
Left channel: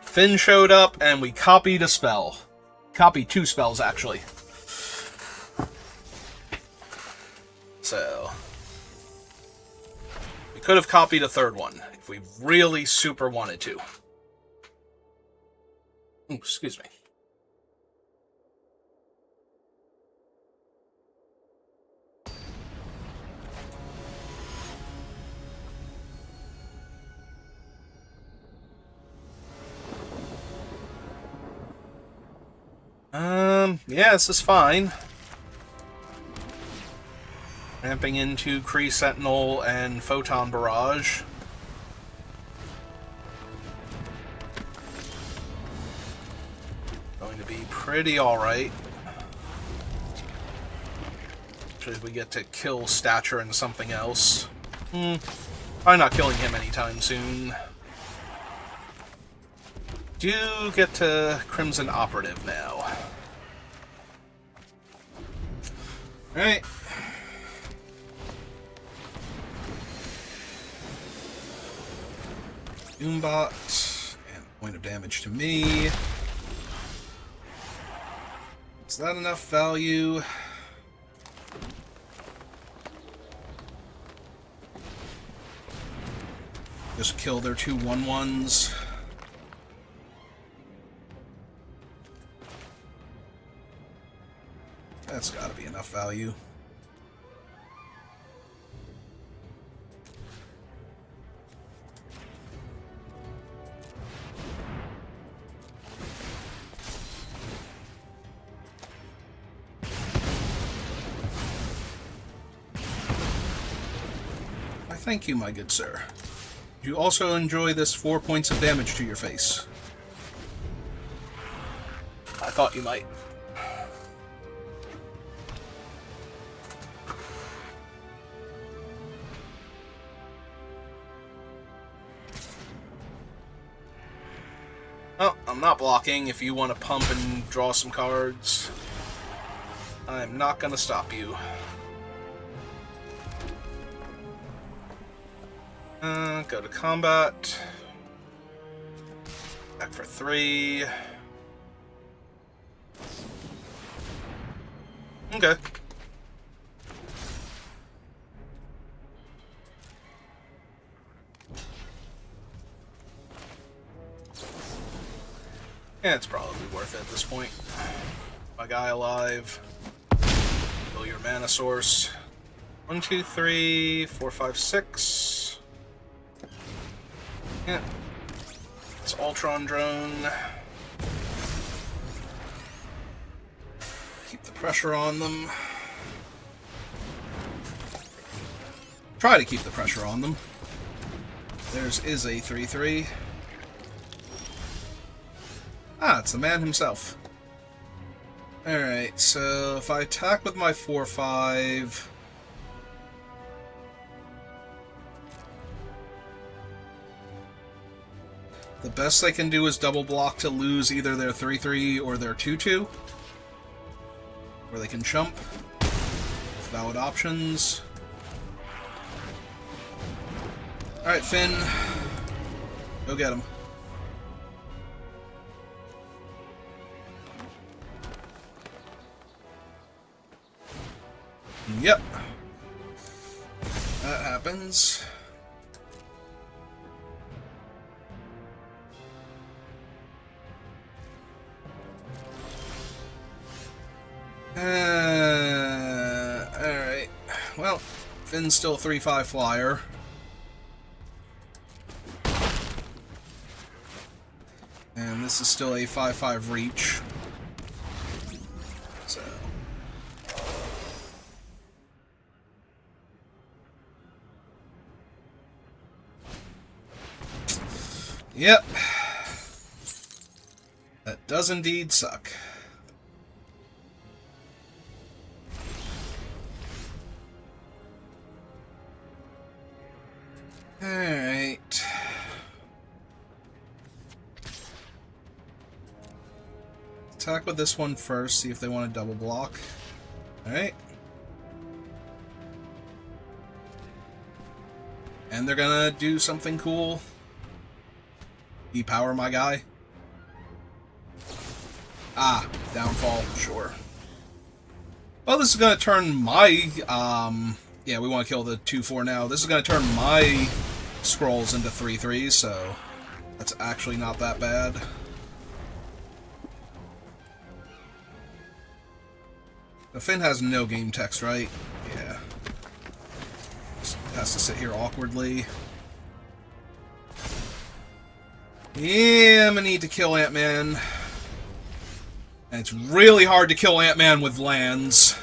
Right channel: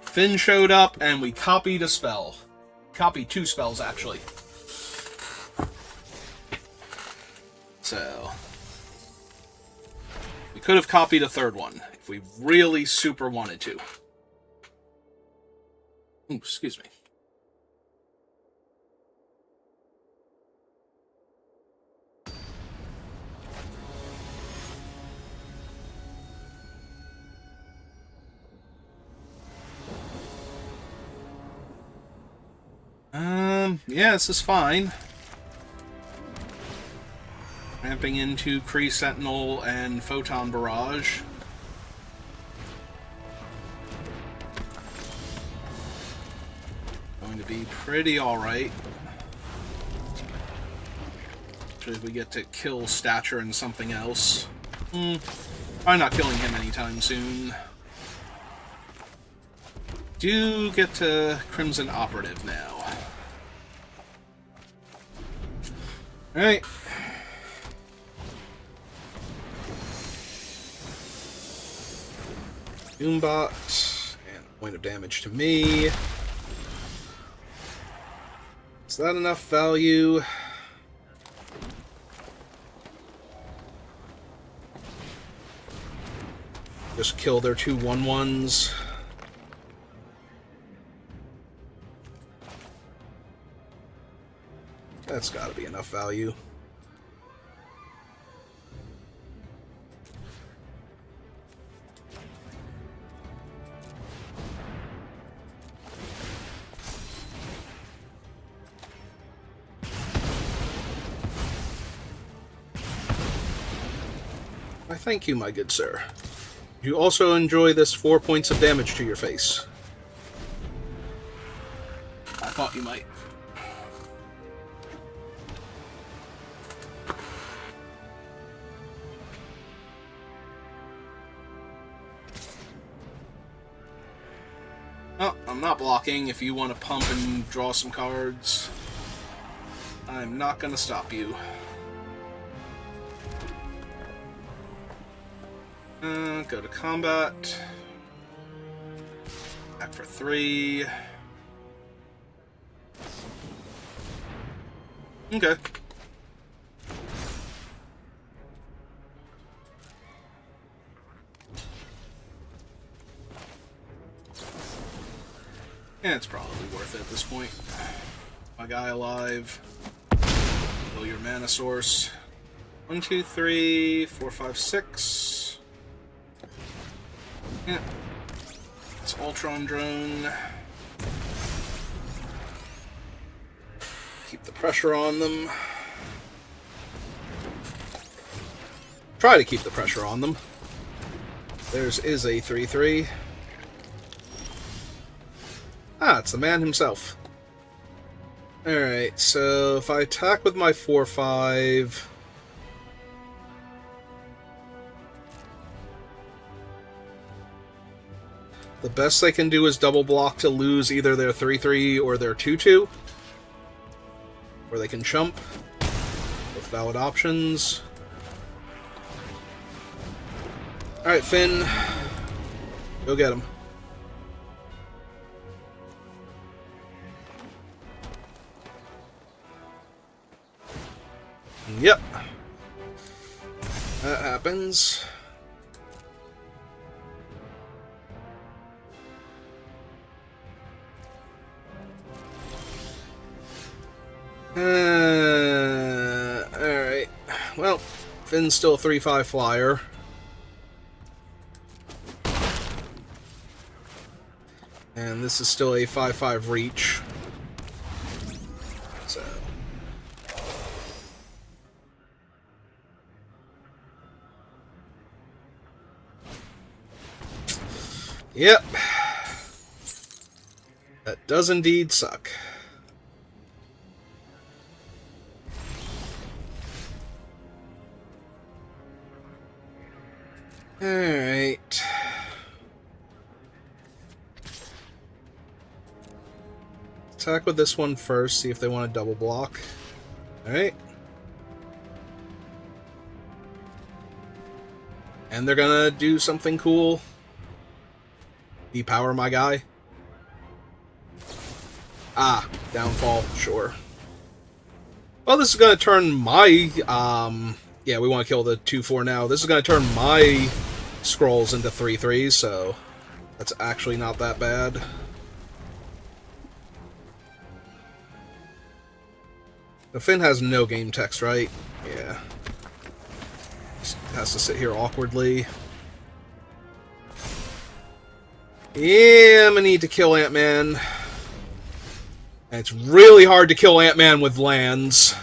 Finn showed up, and we copied a spell. Copied 2 spells, actually. So we could have copied a 3rd one, if we really super wanted to. Ooh, excuse me. Yeah, this is fine. Ramping into Kree Sentinel and Photon Barrage. Going to be pretty alright. Actually, we get to kill Stature and something else. I'm not killing him anytime soon. Do get to Crimson Operative now. Alright. Doombot. And a point of damage to me. Is that enough value? Just kill their 2 1/1s. That's gotta be enough value. Thank you, my good sir. You also enjoy this 4 points of damage to your face. I thought you might. Oh, I'm not blocking. If you want to pump and draw some cards, I'm not going to stop you. Go to combat. Back for 3. Okay. Yeah, it's probably worth it at this point. My guy alive. Fill your mana source. 1, 2, 3, 4, 5, 6. Yeah. It's Ultron drone. Keep the pressure on them. Try to keep the pressure on them. Theirs is a 3/3. Ah, it's the man himself. Alright, so if I attack with my 4/5... the best they can do is double block to lose either their 3/3 or their 2/2. Or they can chump. With valid options. Alright, Finn. Go get him. Yep. That happens. Alright. Well, Finn's still a 3/5 flyer. And this is still a 5/5 reach. So. Yep. That does indeed suck. Alright. Attack with this one first, see if they want to double block. Alright. And they're gonna do something cool. Depower my guy. Ah, downfall, sure. Well, this is gonna turn my, yeah, we want to kill the 2/4 now. This is gonna turn my scrolls into 3/3s, so that's actually not that bad. The Finn has no game text, right? Yeah. Just has to sit here awkwardly. Yeah, I'm gonna need to kill Ant-Man. And it's really hard to kill Ant-Man with lands.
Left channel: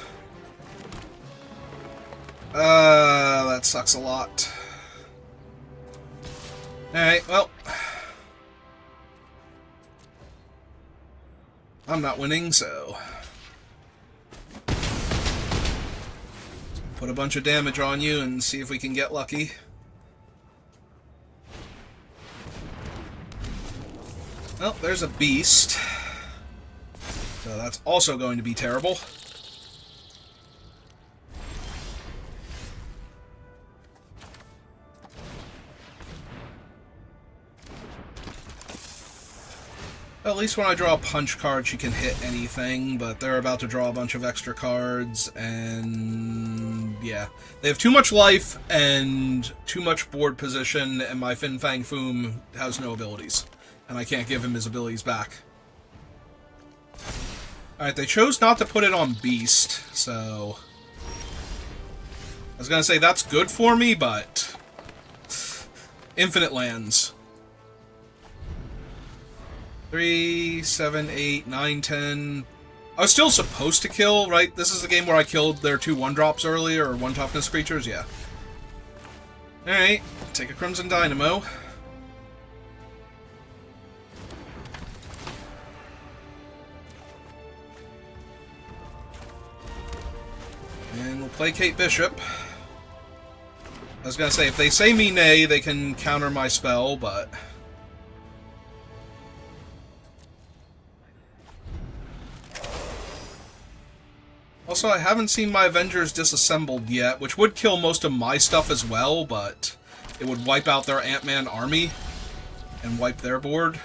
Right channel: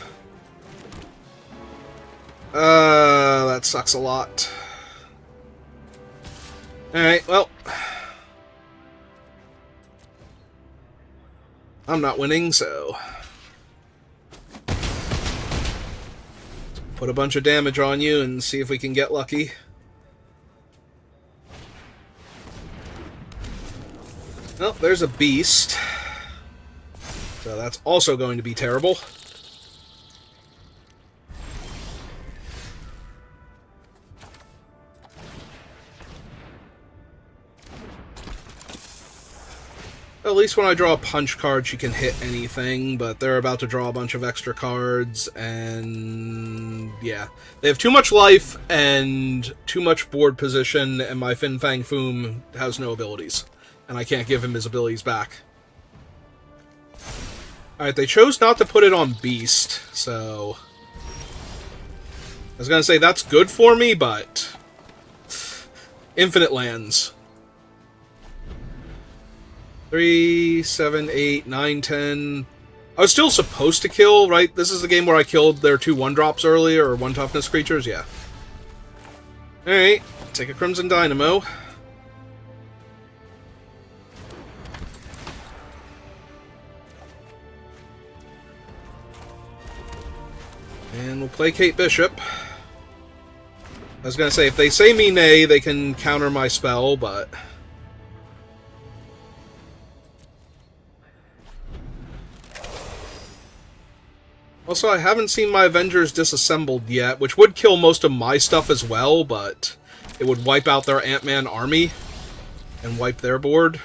That sucks a lot. Alright, well. I'm not winning, so... put a bunch of damage on you and see if we can get lucky. Well, there's a beast. So that's also going to be terrible. At least when I draw a punch card, she can hit anything, but they're about to draw a bunch of extra cards, and yeah. They have too much life and too much board position, and my Fin Fang Foom has no abilities. And I can't give him his abilities back. Alright, they chose not to put it on Beast, so... I was gonna say that's good for me, but... infinite lands. 3, 7, 8, 9, 10... I was still supposed to kill, right? This is the game where I killed their 2 1-drops earlier, or 1 toughness creatures, yeah. Alright, take a Crimson Dynamo. And we'll play Kate Bishop. I was gonna say, if they say me nay, they can counter my spell, but... Also, I haven't seen my Avengers disassembled yet, which would kill most of my stuff as well, but it would wipe out their Ant-Man army and wipe their board.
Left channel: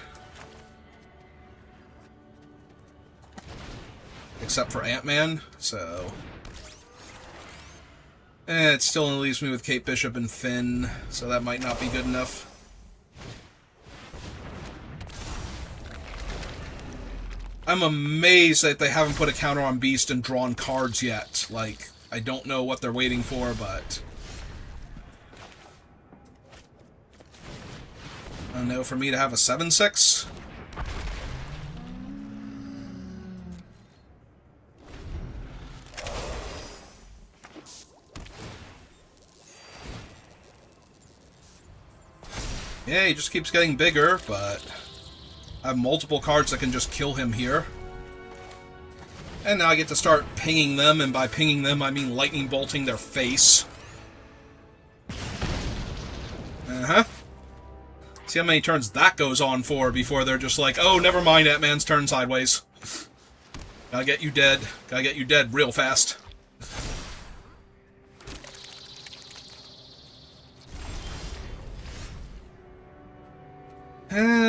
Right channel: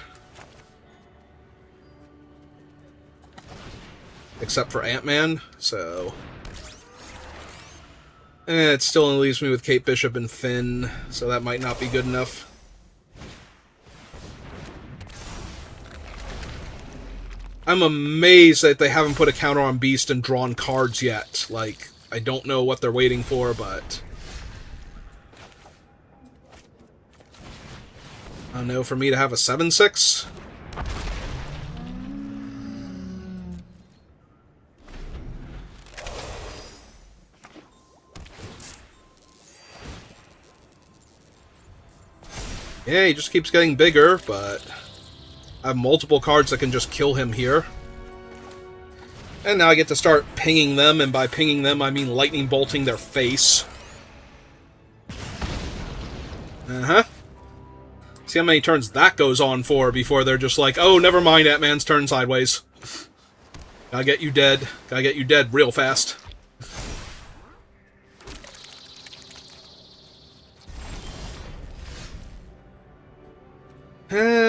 Except for Ant-Man, so... it still only leaves me with Kate Bishop and Finn, so that might not be good enough. I'm amazed that they haven't put a counter on Beast and drawn cards yet. Like, I don't know what they're waiting for, but... I don't know, for me to have a 7/6? Yeah, he just keeps getting bigger, but... I have multiple cards that can just kill him here. And now I get to start pinging them, and by pinging them, I mean lightning bolting their face. Uh-huh. See how many turns that goes on for before they're just like, oh, never mind, Ant-Man's turn sideways. Gotta get you dead. Gotta get you dead real fast.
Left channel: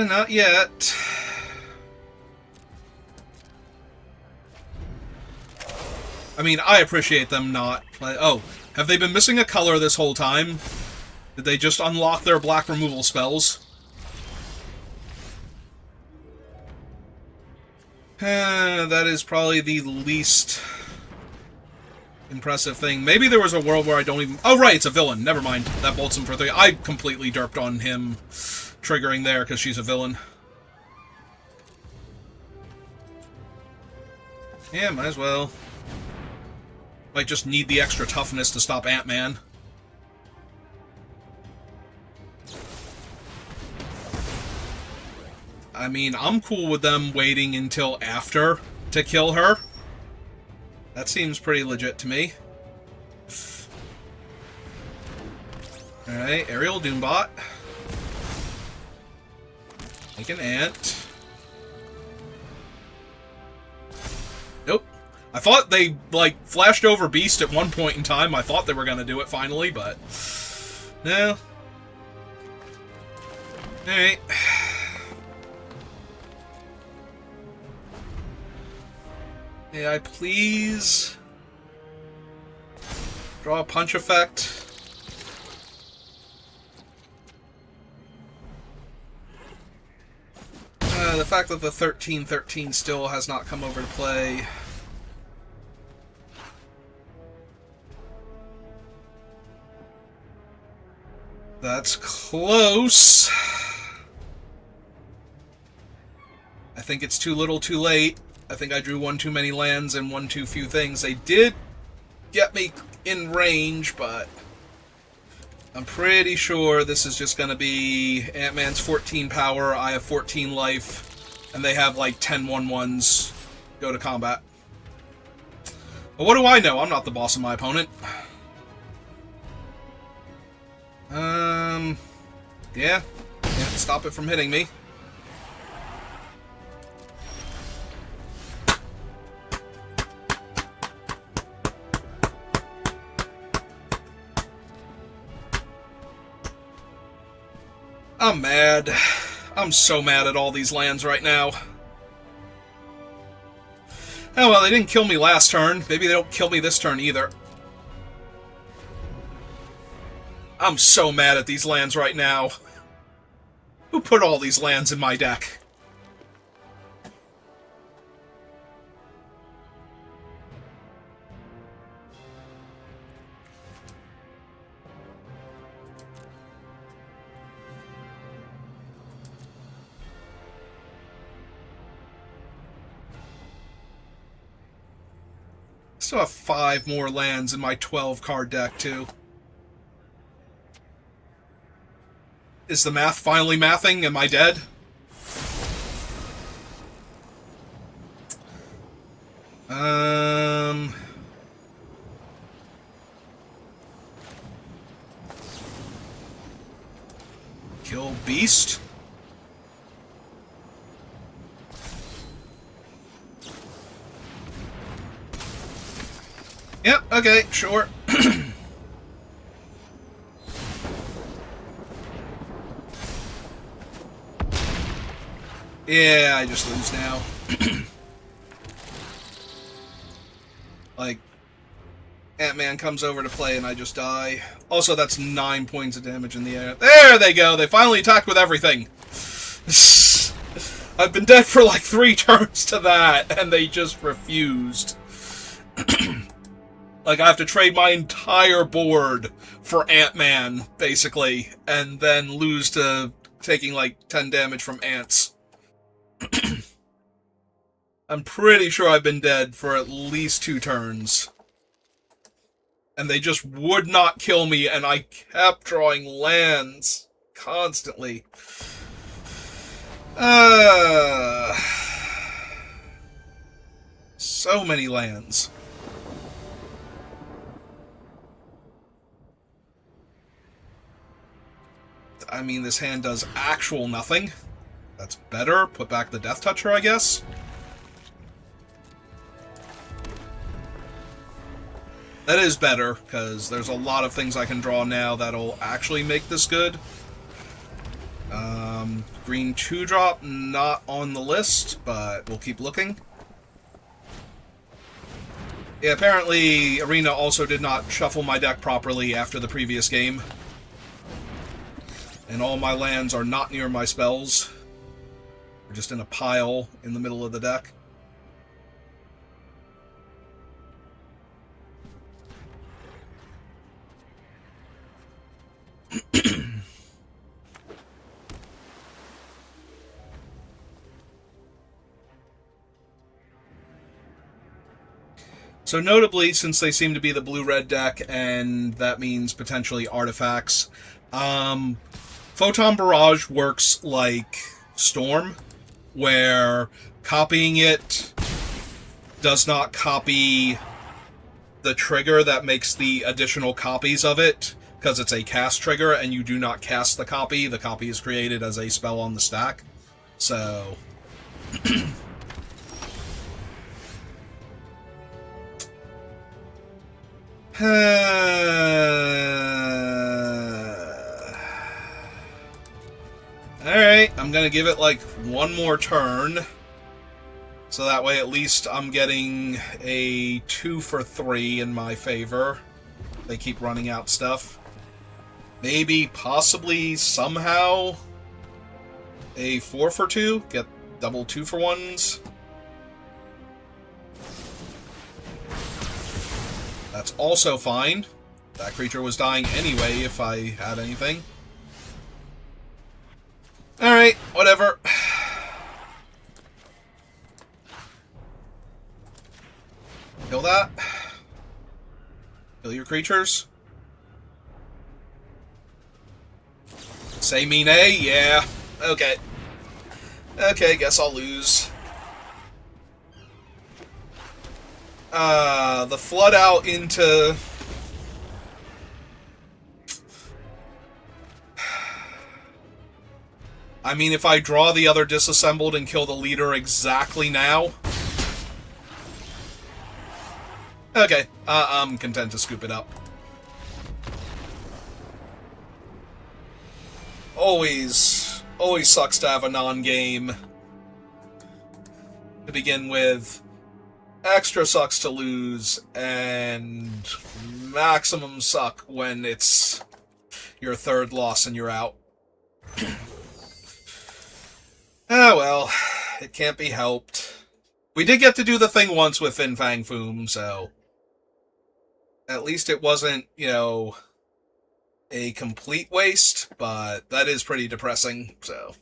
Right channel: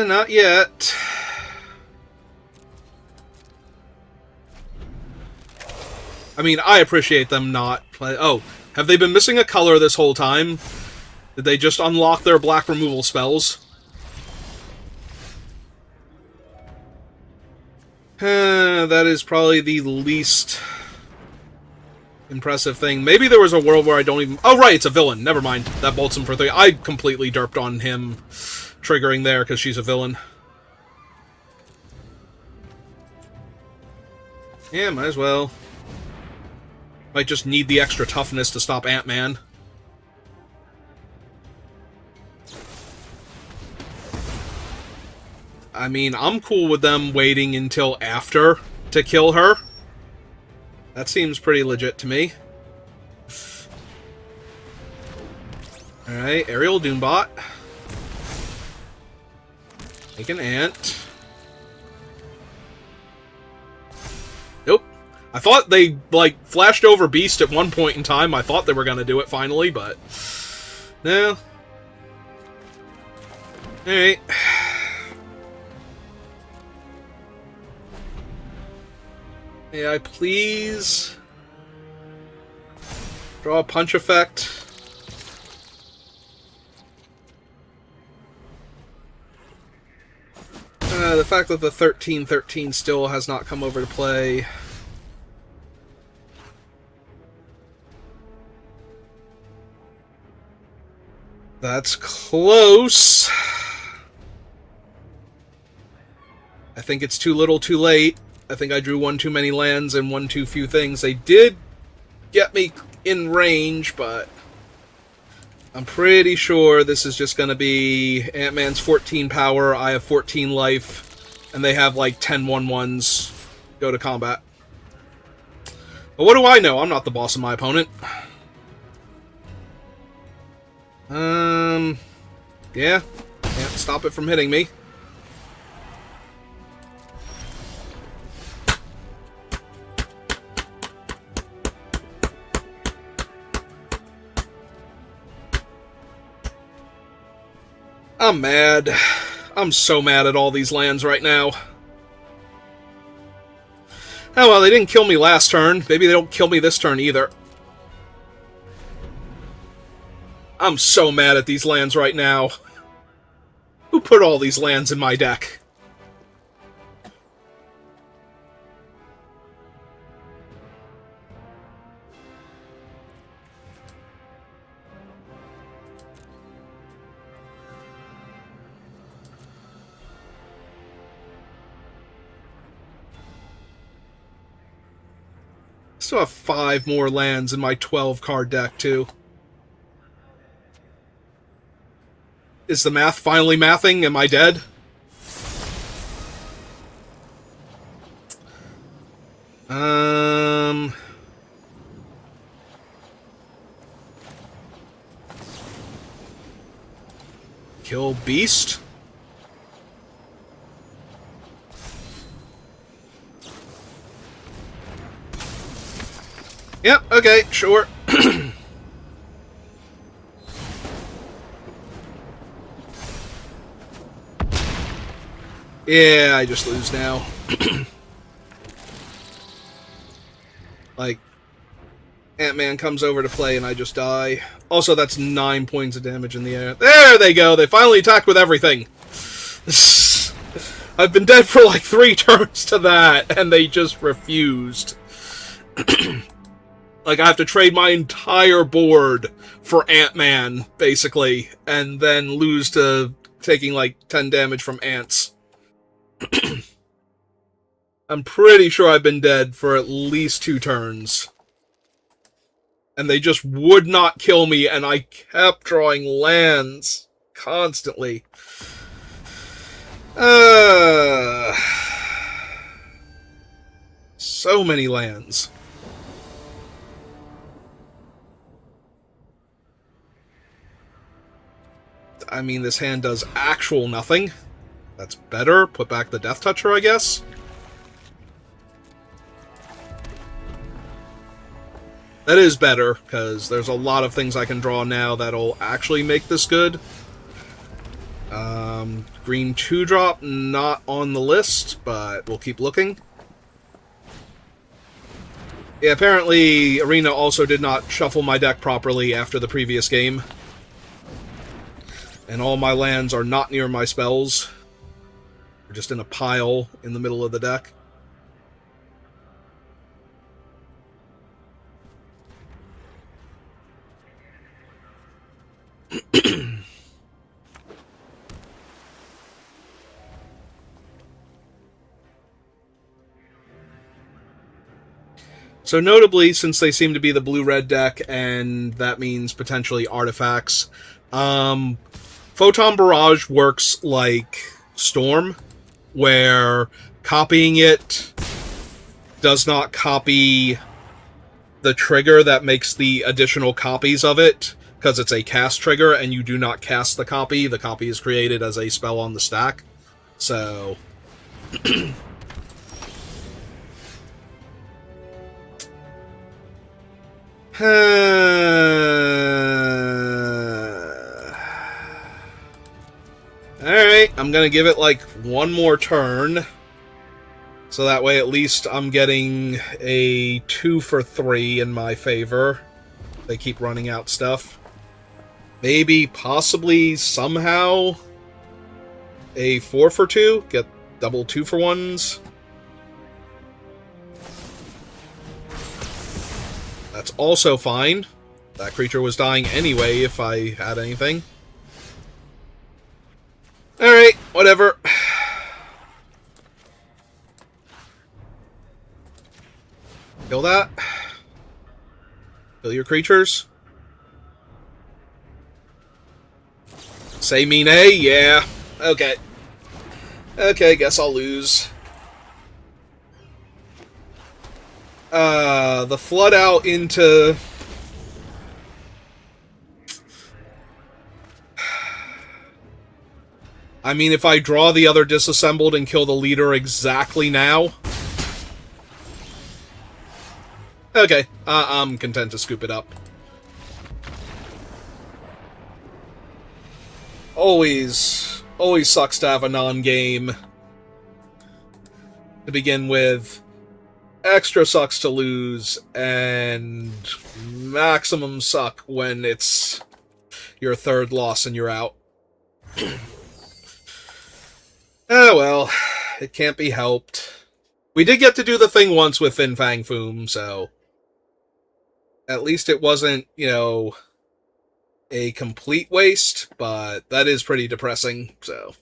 Not yet. I mean, I appreciate them not... Oh, have they been missing a color this whole time? Did they just unlock their black removal spells? That is probably the least impressive thing. Maybe there was a world where I don't even... Oh, right, it's a villain. Never mind. That bolts him for 3. I completely derped on him triggering there because she's a villain. Yeah, might as well. Might just need the extra toughness to stop Ant-Man. I mean, I'm cool with them waiting until after to kill her. That seems pretty legit to me. Alright, Aerial Doombot. Make an ant. Nope. I thought they, like, flashed over Beast at one point in time. I thought they were going to do it finally, but... No. Alright. May I please... draw a punch effect? The fact that the 13/13 still has not come over to play. That's close. I think it's too little too late. I think I drew one too many lands and one too few things. They did get me in range, but I'm pretty sure this is just going to be Ant-Man's 14 power, I have 14 life, and they have like 10 1/1s go to combat. But what do I know? I'm not the boss of my opponent. Yeah. Can't stop it from hitting me. I'm mad. I'm so mad at all these lands right now. Oh well, they didn't kill me last turn. Maybe they don't kill me this turn either. I'm so mad at these lands right now. Who put all these lands in my deck? I still have 5 more lands in my 12-card deck, too. Is the math finally mathing? Am I dead? Kill Beast. Yep, okay, sure. Yeah, I just lose now. Like, Ant-Man comes over to play and I just die. Also, that's 9 points of damage in the air. There they go! They finally attacked with everything! I've been dead for like 3 turns to that, and they just refused. Like, I have to trade my entire board for Ant-Man, basically, and then lose to taking like 10 damage from ants. I'm pretty sure I've been dead for at least 2 turns. And they just would not kill me, and I kept drawing lands constantly. So many lands. I mean, this hand does actual nothing. That's better. Put back the Death Toucher, I guess. That is better, because there's a lot of things I can draw now that'll actually make this good. Green 2-drop, not on the list, but we'll keep looking. Yeah, apparently Arena also did not shuffle my deck properly after the previous game. And all my lands are not near my spells. They're just in a pile in the middle of the deck. So notably, since they seem to be the blue-red deck, and that means potentially artifacts, Photon Barrage works like Storm, where copying it does not copy the trigger that makes the additional copies of it, because it's a cast trigger, and you do not cast the copy. The copy is created as a spell on the stack. So... Alright, I'm gonna give it like one more turn. So that way at least I'm getting a 2 for 3 in my favor. They keep running out stuff. Maybe, possibly, somehow, a 4 for 2? Get double 2 for 1s? That's also fine. That creature was dying anyway if I had anything. Alright, whatever. Kill that. Kill your creatures. Say me nay? Yeah. Okay. Okay, guess I'll lose. The flood out into... I mean, if I draw the other disassembled and kill the leader exactly now... Okay, I'm content to scoop it up. Always sucks to have a non-game to begin with. Extra sucks to lose, and maximum suck when it's your third loss and you're out. Oh well, it can't be helped. We did get to do the thing once with Fin Fang Foom, so... At least it wasn't, you know, a complete waste, but that is pretty depressing, so...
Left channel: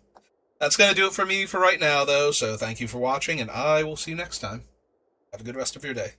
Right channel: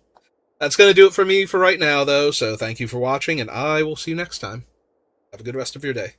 That's going to do it for me for right now, though, so thank you for watching, and I will see you next time. Have a good rest of your day.